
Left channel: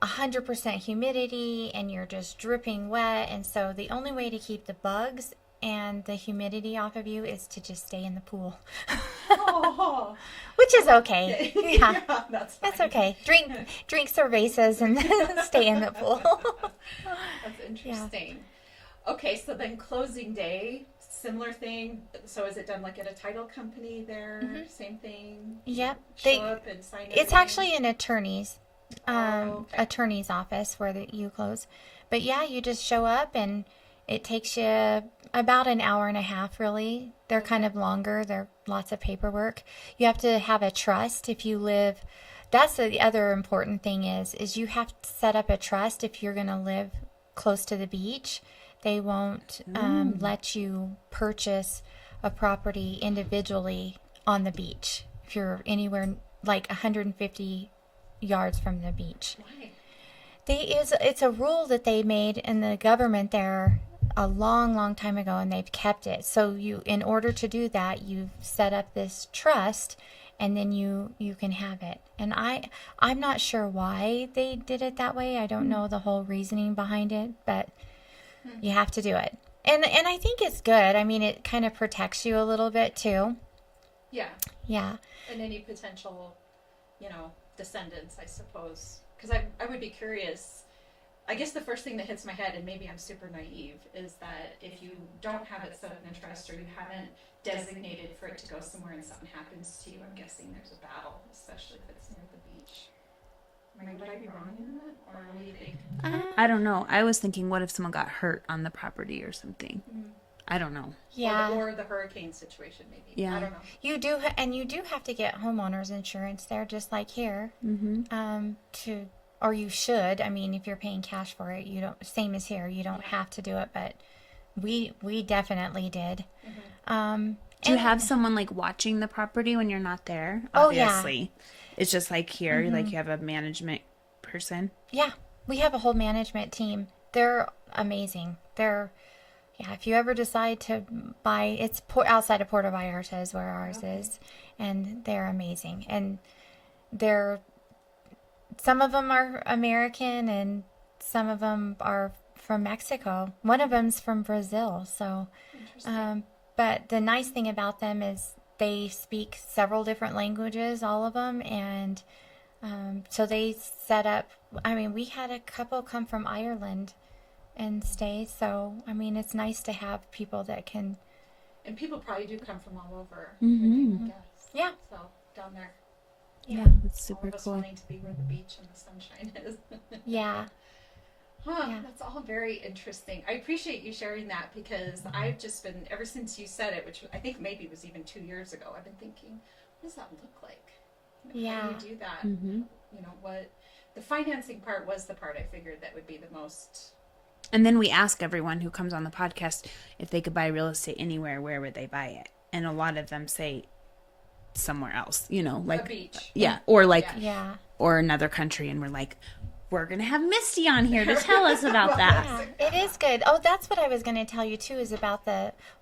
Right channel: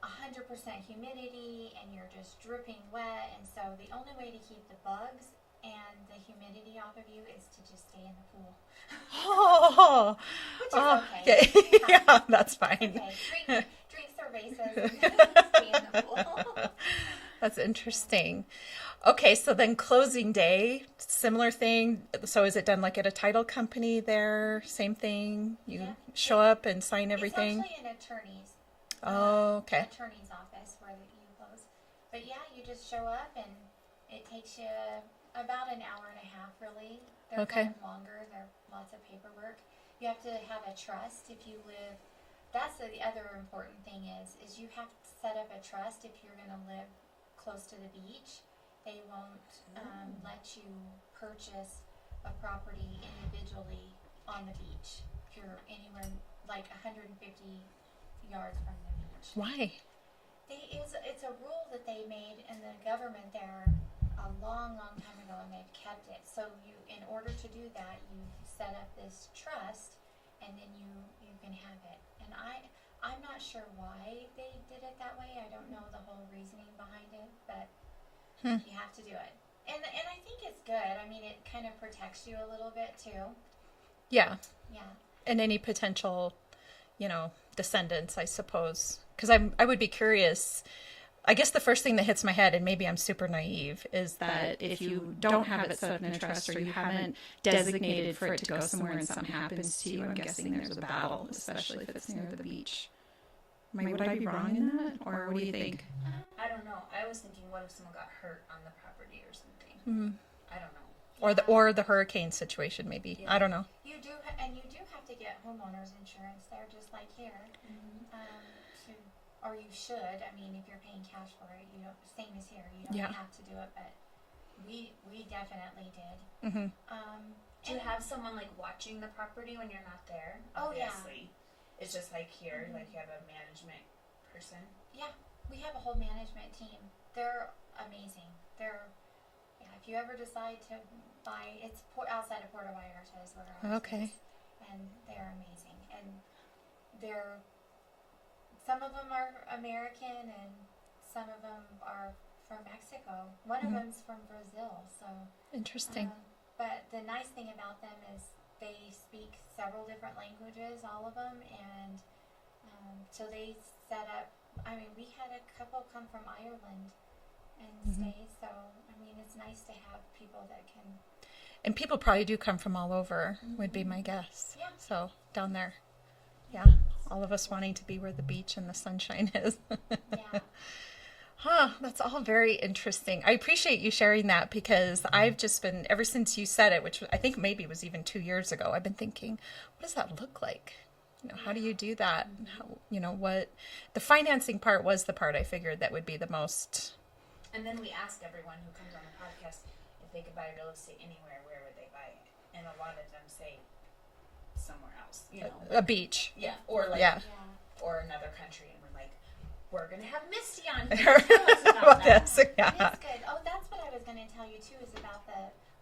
100% humidity and you're just dripping wet. And so the only way to keep the bugs and the humidity off of you is to just stay in the pool, Oh, which is okay. Yeah, yeah, that's fine. that's okay. Drink cervezas and stay in the pool. That's interesting. Okay, so then closing day, similar thing. So is it done like at a title company there? Same thing? You Yep. Show up and sign everything? It's actually an attorney's okay. attorney's office where you close. But yeah, you just show up and it takes you about an hour and a half, really. They're kind of longer. They're lots of paperwork. You have to have a trust if you live. That's the other important thing is you have to set up a trust if you're going to live close to the beach. They won't let you purchase a property individually on the beach if you're anywhere like 150 yards from the beach. Why? It's a rule that they made in the government there a long time ago, and they've kept it. So in order to do that, you set up this trust, and then you can have it. And I'm not sure why they did it that way. I don't know the whole reasoning behind it, but you have to do it. And I think it's good. I mean, it kind of protects you a little bit too. Yeah. Yeah. And any potential, descendants, I suppose. Because I would be curious. I guess the first thing that hits my head, and maybe I'm super naive, is that if you don't have it set up in a trust or you haven't designated for it to go somewhere and something happens to you, I'm guessing there's a battle, especially if it's near the beach. Would I be wrong in that? Or what do you think? I don't know. I was thinking, what if someone got hurt on the property or something? I don't know. Yeah. Or the hurricane situation, maybe. Yeah. I don't know. You do, and you do have to get homeowners insurance there, just like here. Or you should. I mean, if you're paying cash for it, you don't. Same as here, you don't have to do it, but we definitely did. Do you have someone like watching the property when you're not there? Oh, yeah. Obviously. It's just like here, like you have a management person. Yeah, we have a whole management team. They're amazing. If you ever decide to buy, it's outside of Puerto Vallarta is where ours is, and they're amazing. And some of them are American, and some of them are from Mexico. One of them's from Brazil. So Interesting. but the nice thing about them is they speak several different languages, all of them, and So they set up, I mean, we had a couple come from Ireland and stay. So, I mean, it's nice to have people that can. And people probably do come from all over, would be my guess. Yeah. So down there. Yeah. It's All super of us cool. wanting to be where the beach and the sunshine is. Yeah. Huh, that's all very interesting. I appreciate you sharing that because I've just been, ever since you said it, which I think maybe was even 2 years ago, I've been thinking, what does that look like? You know, how do you do that? How, you know, what the financing part was the part I figured that would be the most. And then we ask everyone who comes on the podcast if they could buy real estate anywhere, where would they buy it? And a lot of them say somewhere else, you know, like A beach. Yeah. Or like, Yeah. or another country. And we're like, we're going to have Mistie on here to tell us about that. It is good. Oh, that's what I was going to tell you too, is about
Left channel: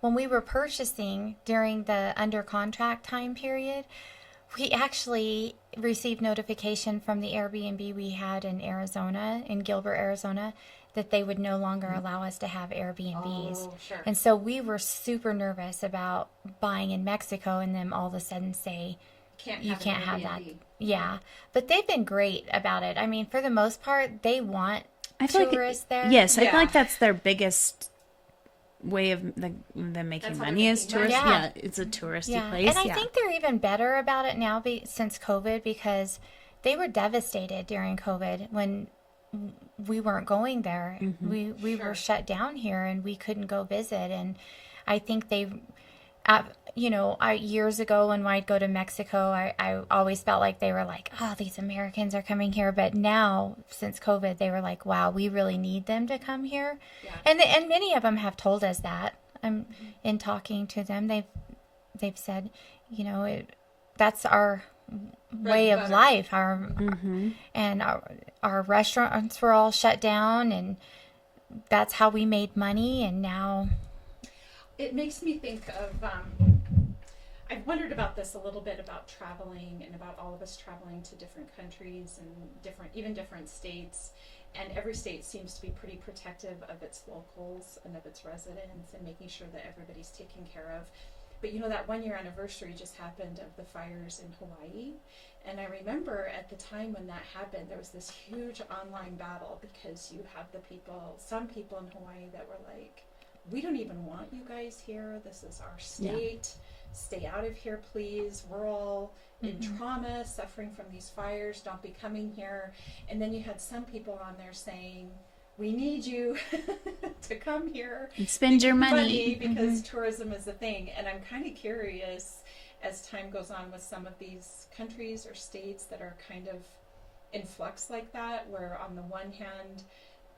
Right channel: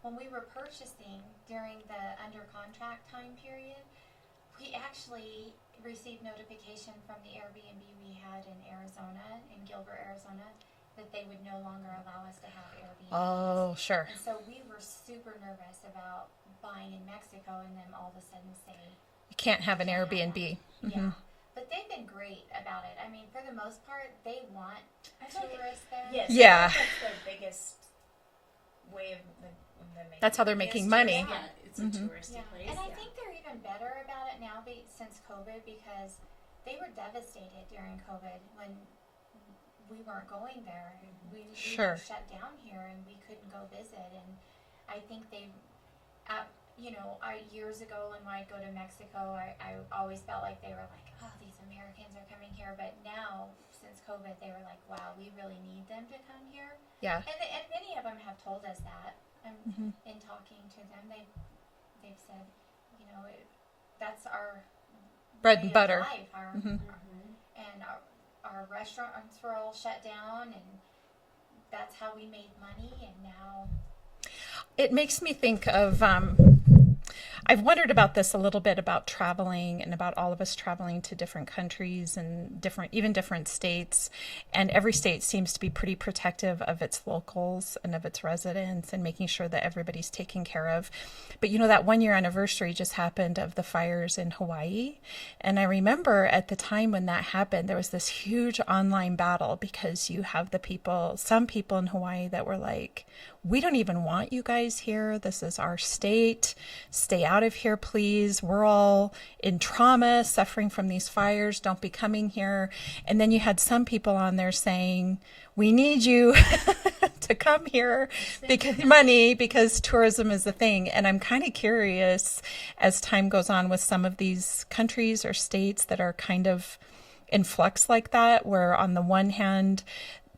when we were purchasing during the under contract time period, we actually received notification from the Airbnb we had in Arizona, in Gilbert, Arizona, that they would no longer allow us to have Airbnbs. Oh, sure. And so we were super nervous about buying in Mexico and them all of a sudden say, You can't have an can't have Airbnb. that. Yeah. But they've been great about it. I mean, for the most part, they want I feel tourists there. Yes, I Yeah. feel like that's their biggest way of them making That's how they're money. making Is money. tourist, Yeah. it's a touristy Yeah. place. And I think they're even better about it now since COVID, because they were devastated during COVID when we weren't going there. We Sure. were shut down here and we couldn't go visit. And I think years ago when I'd go to Mexico, I always felt like they were like, oh, these Americans are coming here. But now, since COVID, they were like, wow, we really need them to come here. Yeah. And many of them have told us that. In talking to them, they've said, you know, that's our Bread way and of butter. life. And our restaurants were all shut down, and that's how we made money. And now, It makes me think of, I've wondered about this a little bit, about traveling and about all of us traveling to different countries and different states. And every state seems to be pretty protective of its locals and of its residents and making sure that everybody's taken care of. But you know, that 1 year anniversary just happened of the fires in Hawaii. And I remember at the time when that happened, there was this huge online battle because you have some people in Hawaii that were like, we don't even want you guys here. This is our state. Stay out of here, please. We're all in trauma, suffering from these fires. Don't be coming here. And then you had some people on there saying, we need you to come here and spend your money because tourism is a thing. And I'm kind of curious as time goes on with some of these countries or states that are kind of in flux like that, where on the one hand,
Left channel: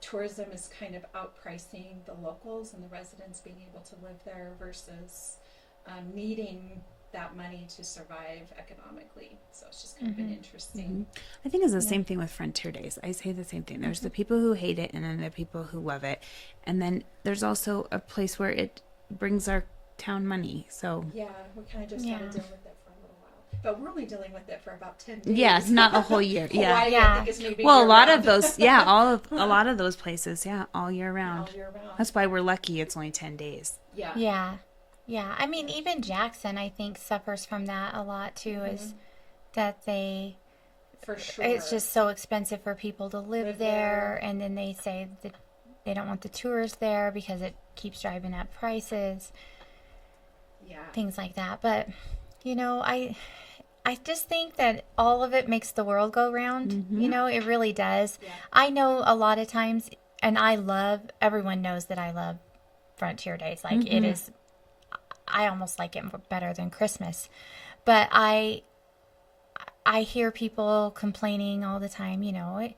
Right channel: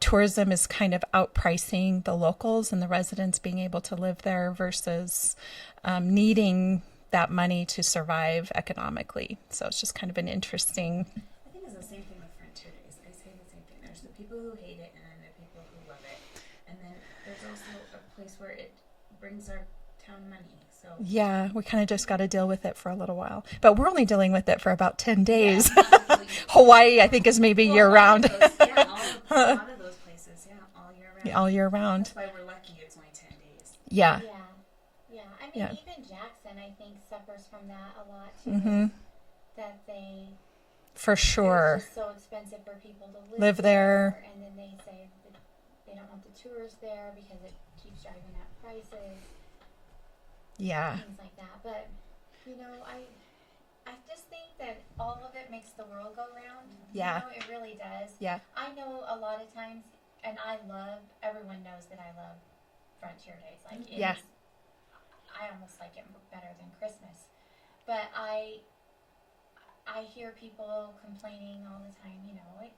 tourism is kind of outpricing the locals and the residents being able to live there versus needing that money to survive economically. So it's just kind of an interesting. I think it's the same thing with Frontier Days. I say the same thing. There's the people who hate it, and then the people who love it. And then there's also a place where it brings our town money. So Yeah, we kind of just got to deal with it for a little while. But we're only dealing with it for about 10 days. yeah, not the whole year. Hawaii, Yeah. I think, is maybe Well, year a lot round. of those, yeah, a lot of those places, yeah, all year round. All year round. That's why we're lucky. It's only 10 days. Yeah. Yeah. I mean, Yeah. even Jackson, I think, suffers from that a lot too, is that For sure. it's just so expensive for people to live Live there. there. And then they say that they don't want the tourists there because it keeps driving up prices, Yeah. things like that. But, you know, I just think that all of it makes the world go round. Yeah. You know, it really does. Yeah. I know a lot of times, and everyone knows that I love Frontier Days. Like, it is, I almost like it better than Christmas. But I hear people complaining all the time, you know,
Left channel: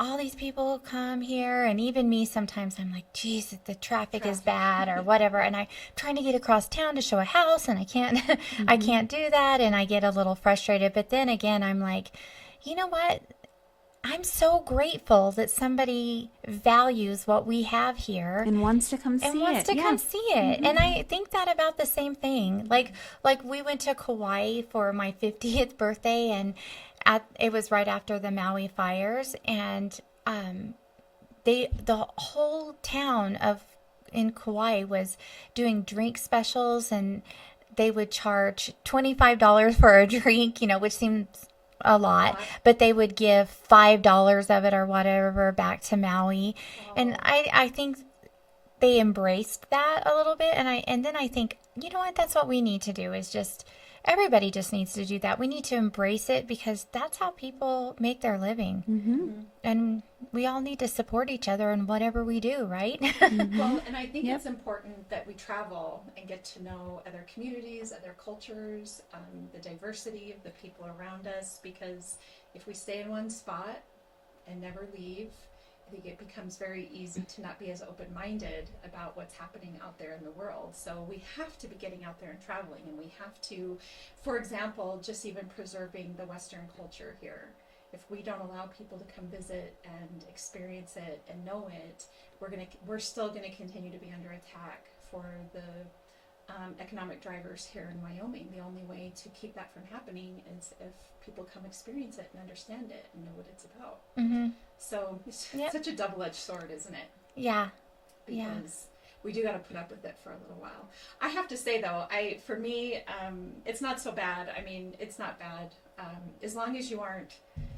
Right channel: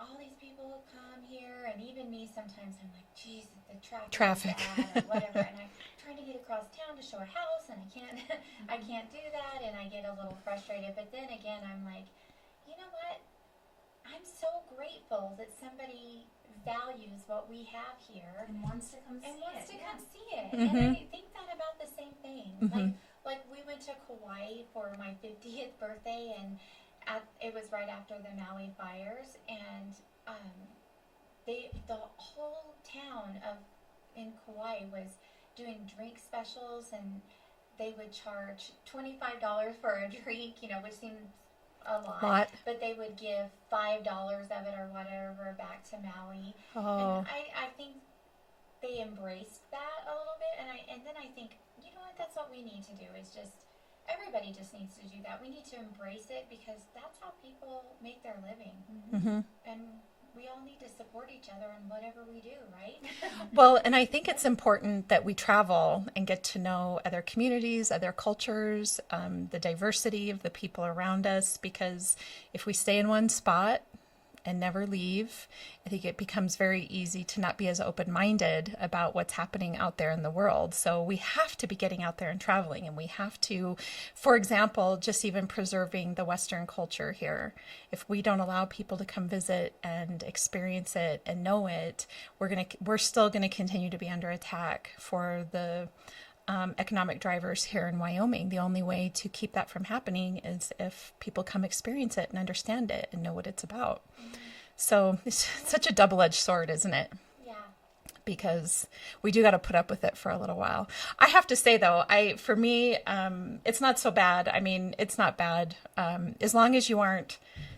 all these people come here, and even me sometimes I'm like, geez, the traffic is bad or whatever, and I'm trying to get across town to show a house, and I can't I can't do that, and I get a little frustrated. But then again, I'm like, you know what, I'm so grateful that somebody values what we have here And wants to come see it. and wants to come see it. And I think that about the same thing. Like we went to Kauai for my 50th birthday, and it was right after the Maui fires, and the whole town in Kauai was doing drink specials, and they would charge $25 for a drink, you know, which seems a lot, but they would give $5 of it or whatever back to Maui. And I think they embraced that a little bit. And then I think, you know what, that's what we need to do, is just, everybody just needs to do that. We need to embrace it, because that's how people make their living. And we all need to support each other in whatever we do, right? Well, and I think it's important that we travel and get to know other communities, other cultures, the diversity of the people around us, because if we stay in one spot and never leave, I think it becomes very easy to not be as open-minded about what's happening out there in the world. So we have to be getting out there and traveling, and we have to, for example, just even preserving the Western culture here. If we don't allow people to come visit and experience it and know it, we're still gonna continue to be under attack for the economic drivers here in Wyoming. The only way to keep that from happening is if people come experience it and understand it and know what it's about. So it's such a double-edged sword, isn't it? Yeah. Because we do got to put up with it for a little while. I have to say, though, for me, it's not so bad. I mean, it's not bad. As long as you aren't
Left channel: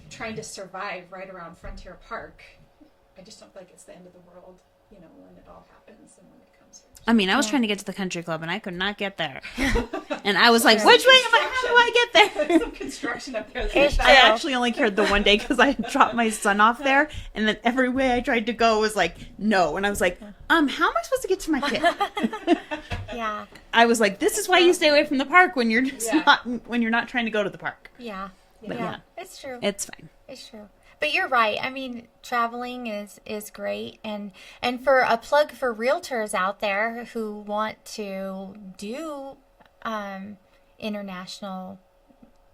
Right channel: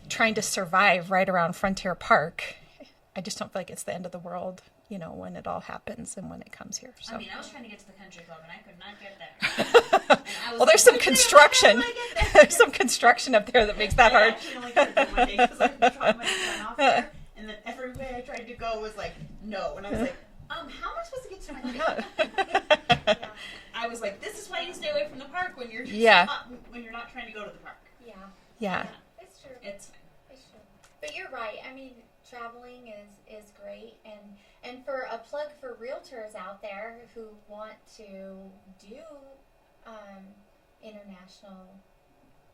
trying to survive right around Frontier Park, I just don't feel like it's the end of the world, you know, when it all happens and when it comes here. So, I mean, I was trying to get to the country club and I could not get there. And I was there's like, some construction. How do I get there? There's some construction up there that makes I that. actually only cared the one day because I dropped my son off there, and then every way I tried to go was like, no. And I was like, how am I supposed to get to my kid? Yeah. I was like, this is why you stay away from the park when you're not trying to go to the park. Yeah. Yeah. It's true. It's fine. It's true. But you're right. I mean, traveling is great. And for a plug for realtors out there who want to do international,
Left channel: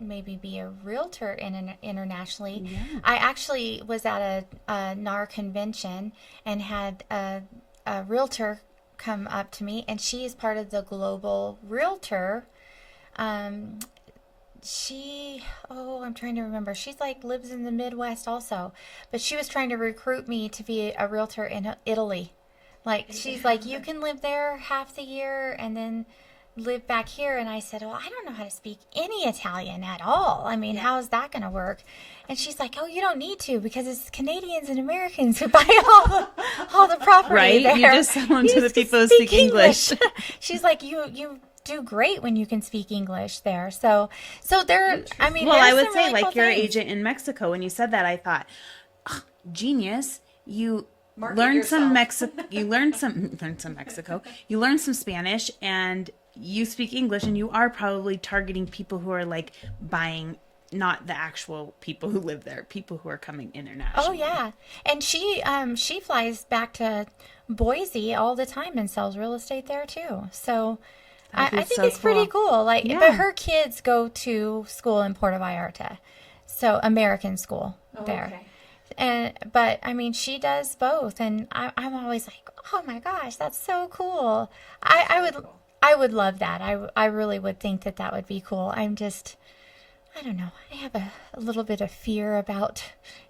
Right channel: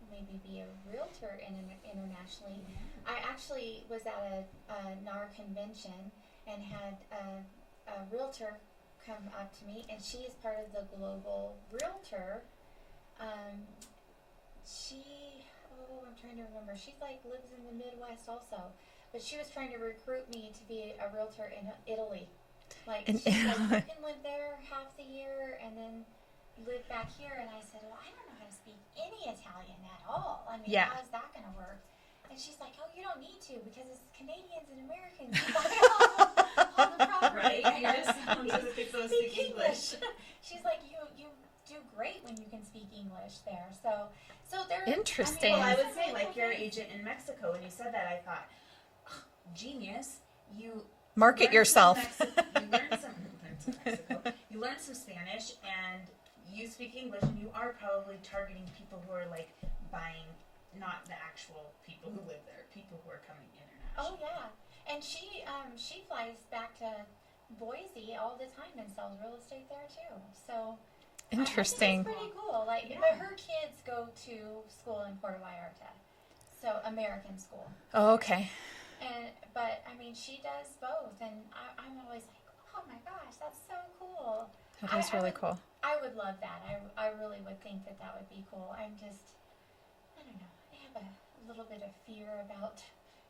maybe be a realtor internationally. Yeah. I actually was at a NAR convention and had a realtor come up to me, and she is part of the Global Realtor. I'm trying to remember. She's like lives in the Midwest also, but she was trying to recruit me to be a realtor in Italy. Like, she's like, you can live there half the year and then live back here. And I said, well, I don't know how to speak any Italian at all. I mean, how is that going to work? And she's like, oh, you don't need to, because it's Canadians and Americans who buy all the property right? there. You just sell them to the people who speak English. She's like, you do great when you can speak English there. So there, I mean, well, I would say, really like, cool your things. agent in Mexico, when you said that, I thought, genius, you Market learned yourself. you learned some Mexico, you learned some Spanish, and you speak English, and you are probably targeting people who are like buying, not the actual people who live there, people who are coming internationally. Oh yeah, and she flies back to Boise all the time and sells real estate there too. So I think so it's pretty cool. Like, Yeah. but her kids go to school in Puerto Vallarta, so American school. Oh, there. okay. But I mean, she does both, and I'm always like, oh my gosh, that's so cool. That's I really would cool. I would love that. I really would think that would be cool. I don't know. I have a little bit of fear about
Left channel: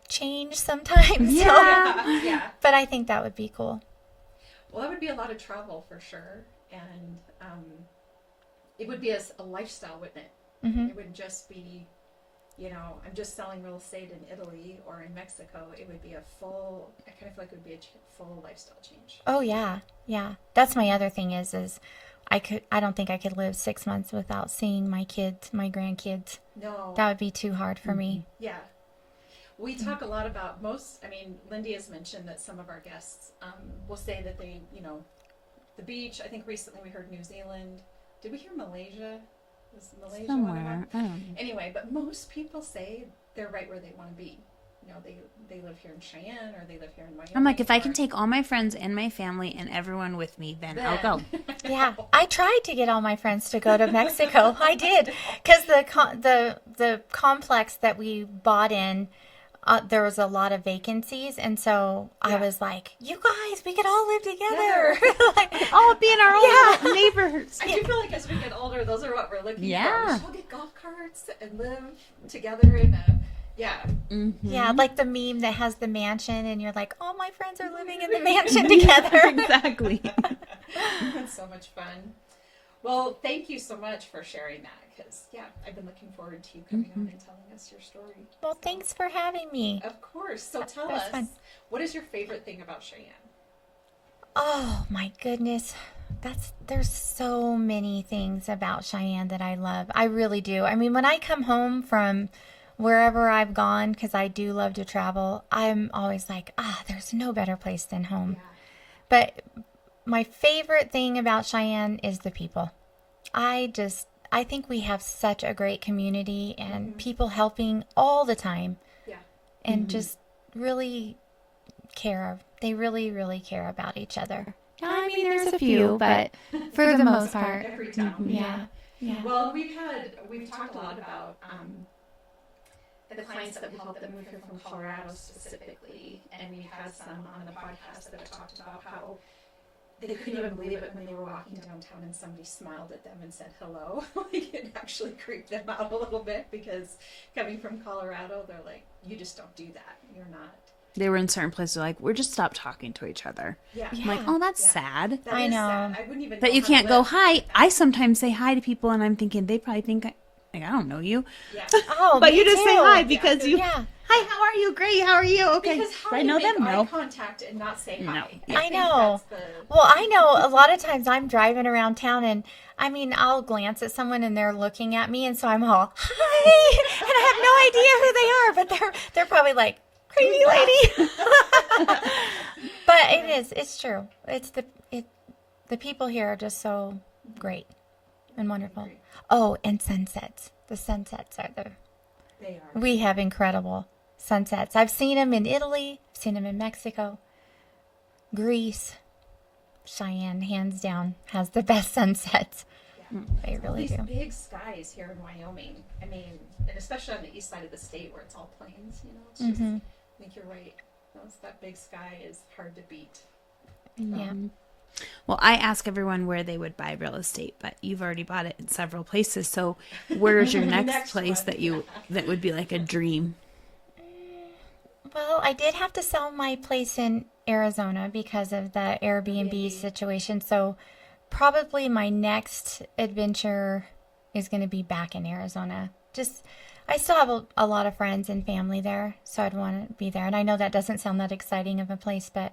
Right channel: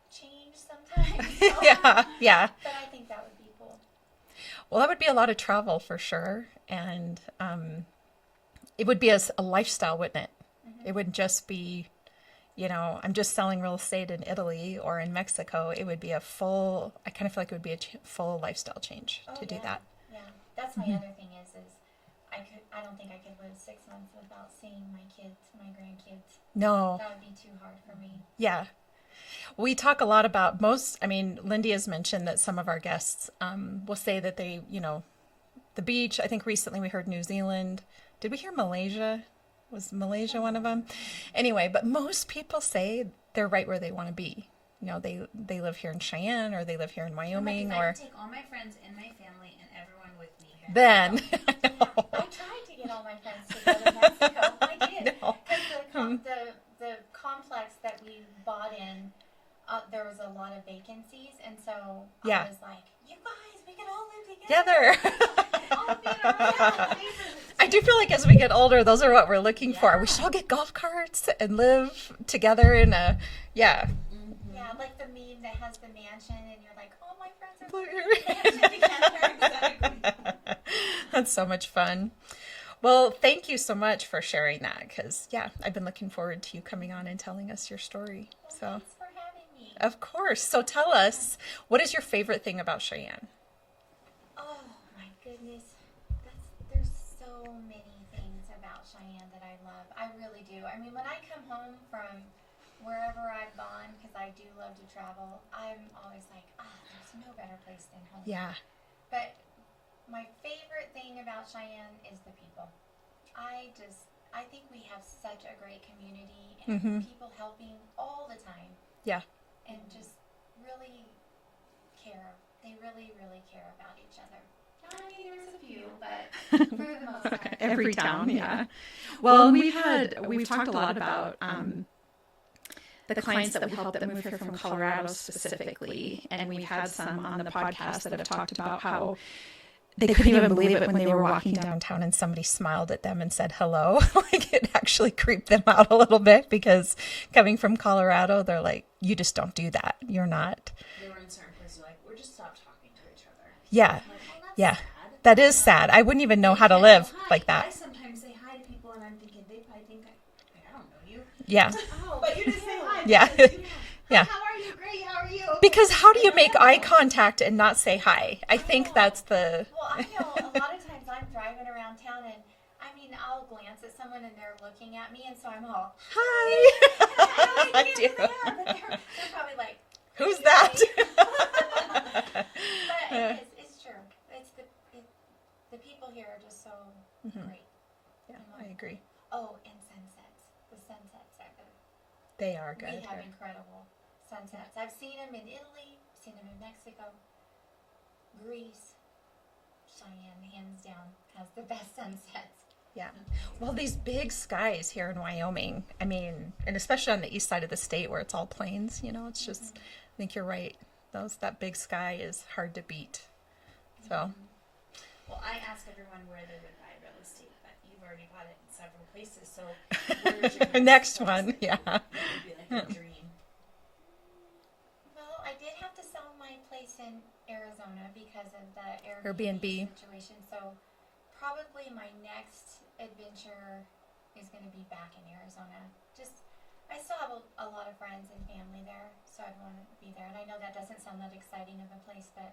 change sometimes. Yeah. Yeah. But I think that would be cool. Well, that would be a lot of travel for sure. And it would be a lifestyle, wouldn't it? Mm-hmm. It wouldn't just be, I'm just selling real estate in Italy or in Mexico. It would be I kind of feel like it would be a full lifestyle change. Oh, to do yeah. that. Yeah. That's my other thing is I don't think I could live 6 months without seeing my kids, my grandkids. No. That would be too hard for me. Yeah. We talk a lot about Lindee has mentioned that some of our guests will say that they, the beach. I think recently we heard New Zealand. Did we hear Malaysia? Was Malaysia one of them? Anyway, but most people say they're right where they want to be. They live here in Cheyenne or they live here in Wyoming. I'm like, if I can take all my friends and my family and everyone with me, then I'll go. Yeah, I tried to get all my friends to go to Mexico. I did, because the complex that we bought in, there was a lot of vacancies, and so I was like, you guys, we could all live together. All be in our own neighborhoods. I do feel like as we get older, those are what we're looking for. Yeah. We should all get golf carts and live together in a, Mm-hmm. Yeah, like the meme that has the mansion, and you're like, all my friends are living in the mansion together. Exactly. That's so much fun. Well, thank you so much for sharing that because, yeah, I've been looking forward to you coming on and telling us your story. Well, So, thanks for having me. of course. So tell That's us, fun. what is your favorite thing about Cheyenne? Oh my goodness. There's so many things about Cheyenne that I love. I really do. I mean, when I come home from wherever I've gone, because I do love to travel, I'm always like, there's no better place than home. Yeah. But my favorite thing about Cheyenne is the people. I think we have such a great community and people helping all the time Yeah. and just really care. They really, really care about each other. I mean, there's a few, but for the most part. Every town, yeah. Yeah. Well, we've talked a lot about the clients that we helped that moved here from Colorado specifically, and we've had some on the podcast that have talked about how they couldn't even believe it when they were walking downtown and somebody smiled at them and said hello. Like, it actually creeped them out a little bit because coming from Colorado, they're like, you just don't do that. You're not. They were in certain places like, we're just stop talking to each other. Yeah. I'm like, oh, that's sad. That I is know. sad. I wouldn't even know But you how can't to live go hi. like that. I sometimes say hi to people and I'm thinking they probably think I don't know you. Yeah. Oh, But me you just say too. hi because you. Yeah. Hi, Yeah. how are you? Great. How are you? Okay. Because how do I you know make them, eye though. contact and not say hi? I think know. that's the... Well, I know a lot of times I'm driving around town and I mean, I'll glance at someone and they're looking at me and so I'm all, hi, and I have no idea who they are, but they're probably like, crazy lady. But it's true. The people here are just so great and wonderful. agree. Oh, and sunsets. The sunsets are They are. we have incredible sunsets. I've seen them in Italy, I've seen them in Mexico, Greece. Cheyenne, hands down, has the best sunsets. Yeah. They Well, really these do. big skies here in Wyoming. I mean, and especially on the east side of the state where it's all plains, it's just, I think you're right. That big sky is hard to beat. So, Yeah. Well, I ask everyone where they would buy real estate, but you've already bought it in several places. So, where's your next, next place one, that would be like a dream? Well, I did have to sell my place in Arizona because of the Airbnb Airbnb. situation. So probably my next adventure is going to be back in Arizona. I still have a lot of friends and family there, so I'd want to be there. And I know that doesn't sound that exciting of a place, but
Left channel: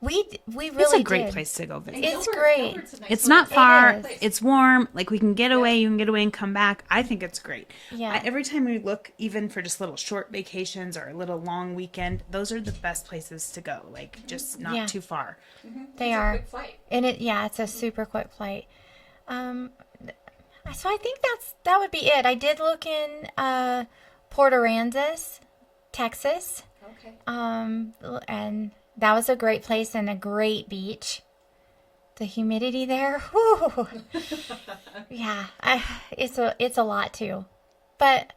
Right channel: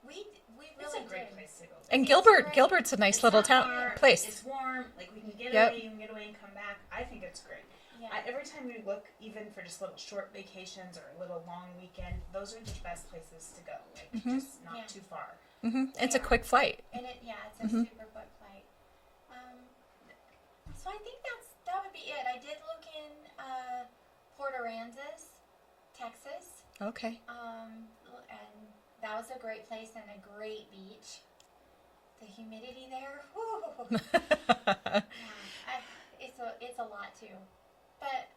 we really It's a great did. place to go visit. and It's great. Gilbert's a nice It's little not town far. place. It's warm. Like we can get Yep. away. You can get away and come back. I think it's great. Yeah. Every time we look, even for just little short vacations or a little long weekend, those are the best places to go. Like just not Yeah. too far. They It's a are. quick flight. And it's a super quick flight. So I think that would be it. I did look in Port Aransas, Texas. Okay. And that was a great place and a great beach. The humidity there, whew. Yeah, it's a lot too. But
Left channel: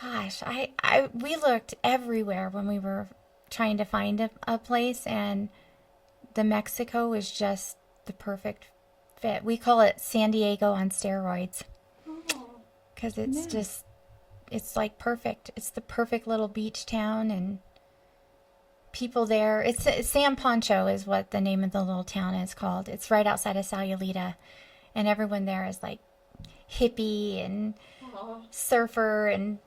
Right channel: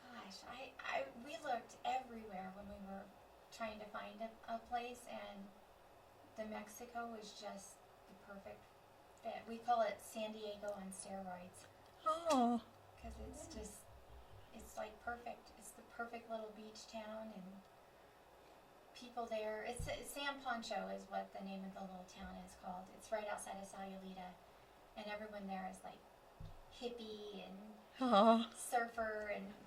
gosh, we looked everywhere when we were trying to find a place, and the Mexico was just the perfect fit. We call it San Diego on steroids Oh. because it's like perfect. It's the perfect little beach town and people there. It's San Pancho is what the name of the little town is called. It's right outside of Sayulita, and everyone there is like hippie and Oh, surfer and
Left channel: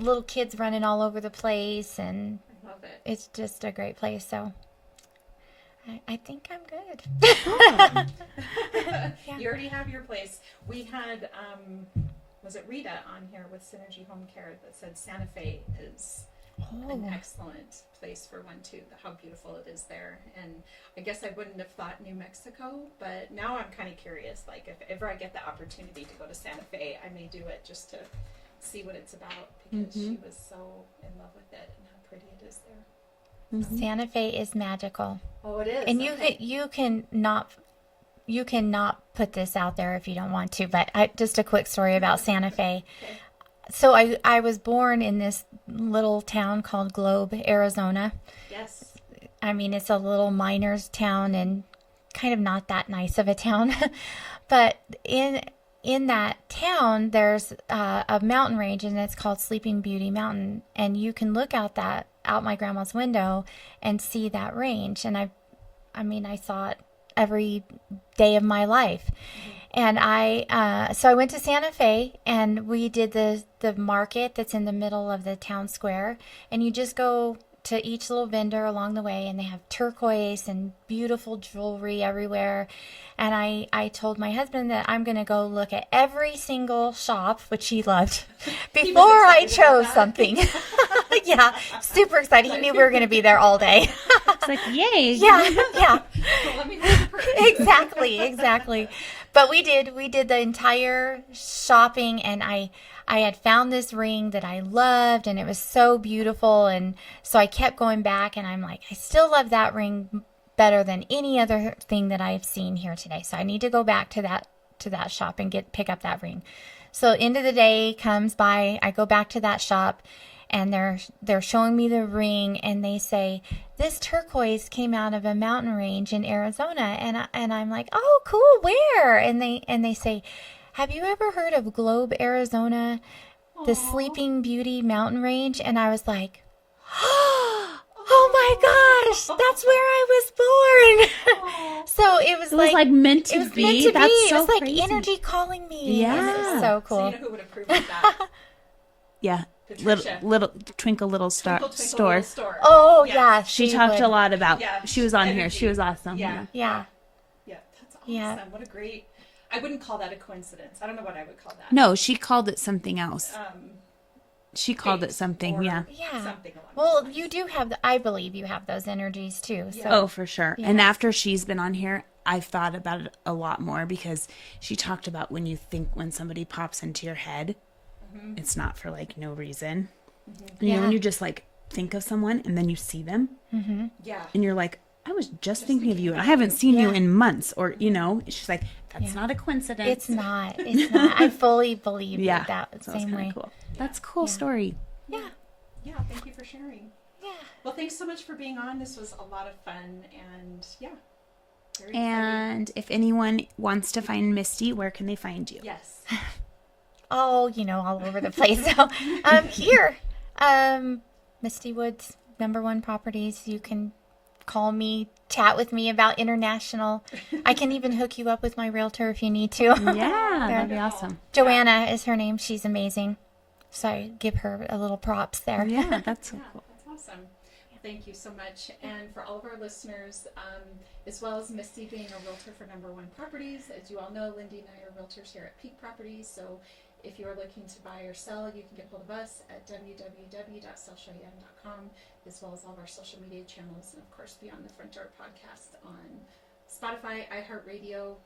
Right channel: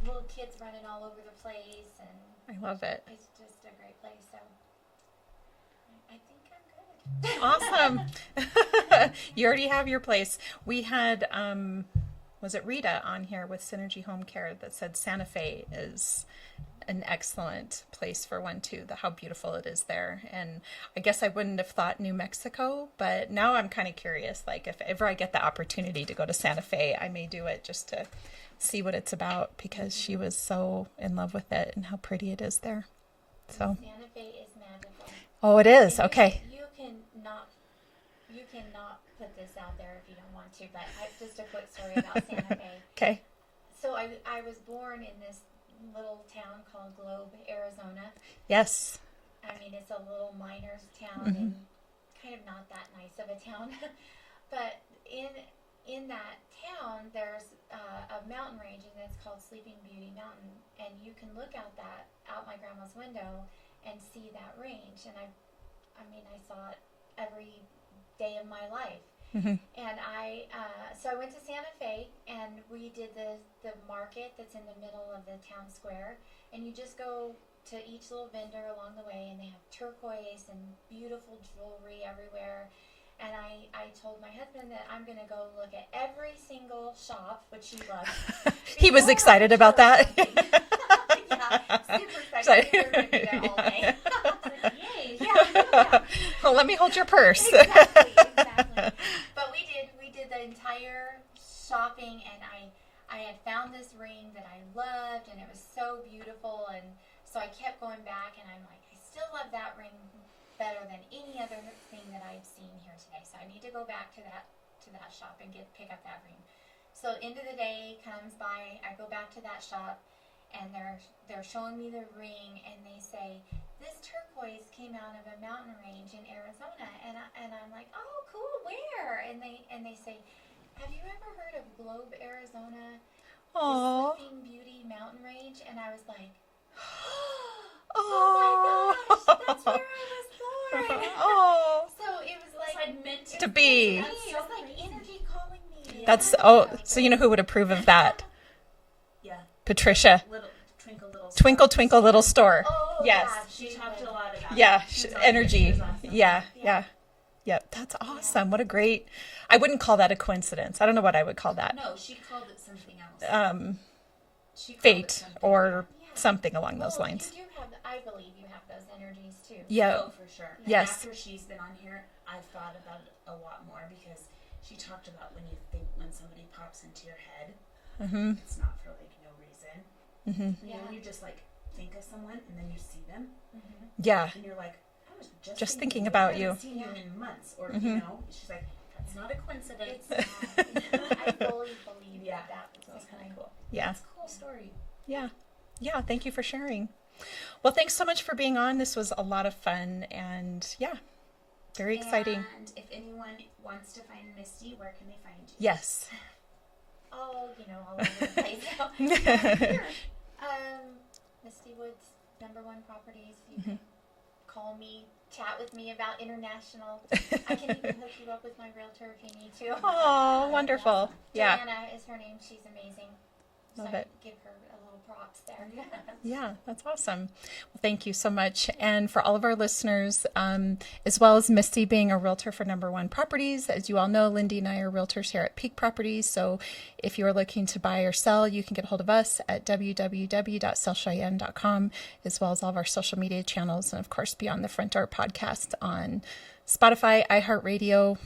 little kids running all over the place, and I love it. it's just a great place. So I think I'm good. Awesome. You already have your place. We had, was it Rita on here with Synergy Home Care that said Santa Fe is an excellent place for one too, how beautiful it is there. And I guess I wouldn't have thought New Mexico, but now I'm kind of curious, like if ever I get the opportunity to go to Santa Fe, I may do it just to see what it's about because she was so in love with it and how pretty it is there. So, Santa Fe is magical. oh, it is. And Okay. you cannot put this out there if you don't want to, but just a quick story about Santa Fe. Okay. So I was born in this little town called Globe, Arizona. Yes. I mean, it's a little miners town and kind of not that nice of a town. But in that town, there's a mountain range, and it's called Sleeping Beauty Mountain. And you can look out my grandma's window and see that range. And I saw it every day of my life. And so I went to Santa Fe, and we did the market that's in the middle of the town square, and you just go to each little vendor along the way, and they have turquoise and beautiful jewelry everywhere. And I told my husband that I'm going to go look at every single shop, which he loved. He was excited about that. Something. Yeah, super excited. He knew we were going to be there all day. It's like, yay. Yeah. Well, let me hold your purse. Exactly. But we did the entire shopping, and I had found this ring that I loved, and it was so beautiful. And so I kept going back, and I'm like, I still love that ring better than any other thing that I've seen here today. So I need to go back to that shop and pick up that ring. So end of the day comes by, I go back to that shop, and they're showing me the ring, and they say, this turquoise came out of a mountain range in Arizona. And I'm like, oh, cool, where? And they say, have you ever heard of Globe, Arizona, the Sleeping Beauty mountain range? And I was like, oh my gosh, that's where I was born. So it was like meant to be. That's it was like crazy. energy calling me. Yeah. That's so cool. So you know who would approve of that? Patricia. Little Twinkle Little Twinkle Twinkle Little Store. Oh Yes. yeah, She talked a lot about. Yeah, she was on energy. here. She was awesome. Yeah. Yep, that's awesome. Yeah. What a great. I wouldn't call that a coincidence. I don't know what I would call that. No, she called it something else. She called Fate it something. or Yeah. something along those Well, lines. you do have. I believe you have those energies too. Yeah. Oh, for sure. And Yes. after she's been on here, I've thought about it a lot more because she talked about when somebody pops into your head, it's not for like no reason. You know, when you just like think of someone and then you see them, Yeah. and you're like, I was just thinking of thinking you. I about haven't you. seen you Yeah. in months, or you know, she's like, that's not a coincidence. It's not. It's not. I fully believe Yeah, that so that's same kinda way. cool. Yeah. That's a cool story. Yeah. Yeah. Thank you for sharing. Well, thanks so much for being on. This was a lot of fun, and very exciting. And if anyone wants to find Misty, where can they find you? Yes. Oh, all over the place. So, here, Mistie Woods, #1 properties. You can call me, chat with me about international. I can even hook you up with my realtor if you need to. Yeah, that'd be wonderful. awesome. Joanna is her name. She's amazing. So I give her a little props there. Yeah, that's so Yeah, cool. that's awesome. Well, thank you so much. And for all of our listeners, as well as Misty being a realtor for #1 Properties, as you all know, Lindee and I are realtors here at Peak Properties. So if you're looking to buy or sell, you can get a hold of us at www.sellcheyenne.com, as well as all of our social media channels. And of course, Beyond the Front Door podcast on Spotify, iHeartRadio,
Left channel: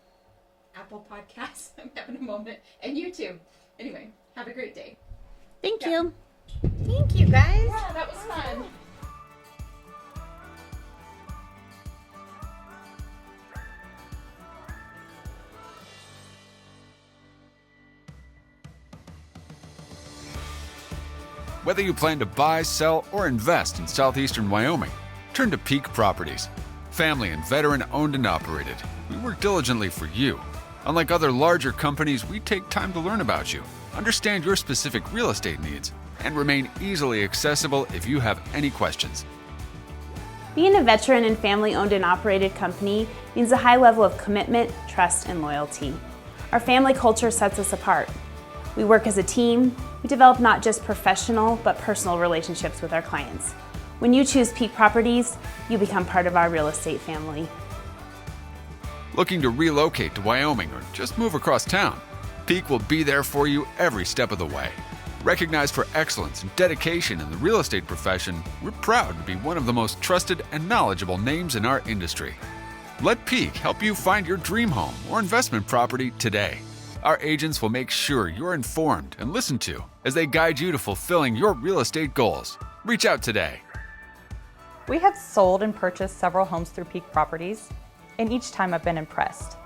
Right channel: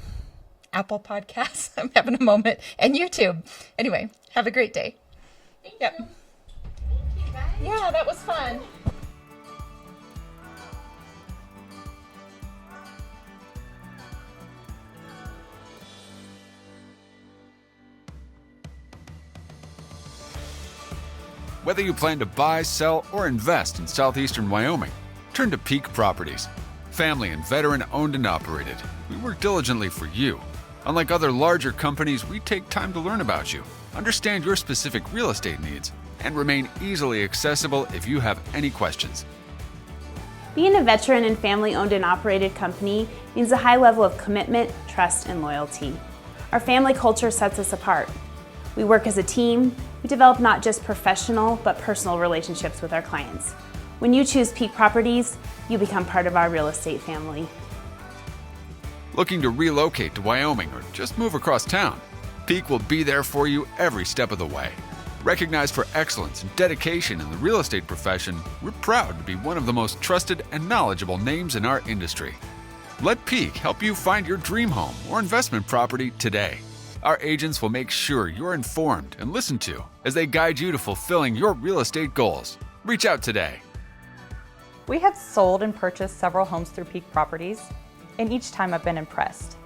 Apple Podcasts. I'm having a moment. And YouTube. Anyway, have a great day. Thank Yeah. you. Thank you, guys. Yeah, that was fun. Whether you plan to buy, sell, or invest in southeastern Wyoming, turn to Peak Properties. Family and veteran owned and operated, we work diligently for you. Unlike other larger companies, we take time to learn about you, understand your specific real estate needs, and remain easily accessible if you have any questions. Being a veteran and family-owned and operated company means a high level of commitment, trust, and loyalty. Our family culture sets us apart. We work as a team. We develop not just professional, but personal relationships with our clients. When you choose Peak Properties, you become part of our real estate family. Looking to relocate to Wyoming or just move across town? Peak will be there for you every step of the way. Recognized for excellence and dedication in the real estate profession, we're proud to be one of the most trusted and knowledgeable names in our industry. Let Peak help you find your dream home or investment property today. Our agents will make sure you're informed and listened to as they guide you to fulfilling your real estate goals. Reach out today. We have sold and purchased several homes through Peak Properties, and each time I've been impressed.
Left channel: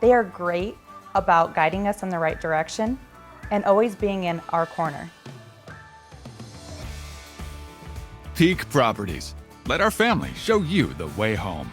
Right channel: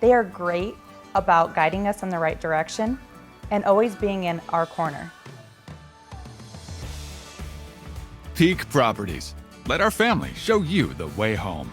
They are great about guiding us in the right direction and always being in our corner. Peak Properties. Let our family show you the way home.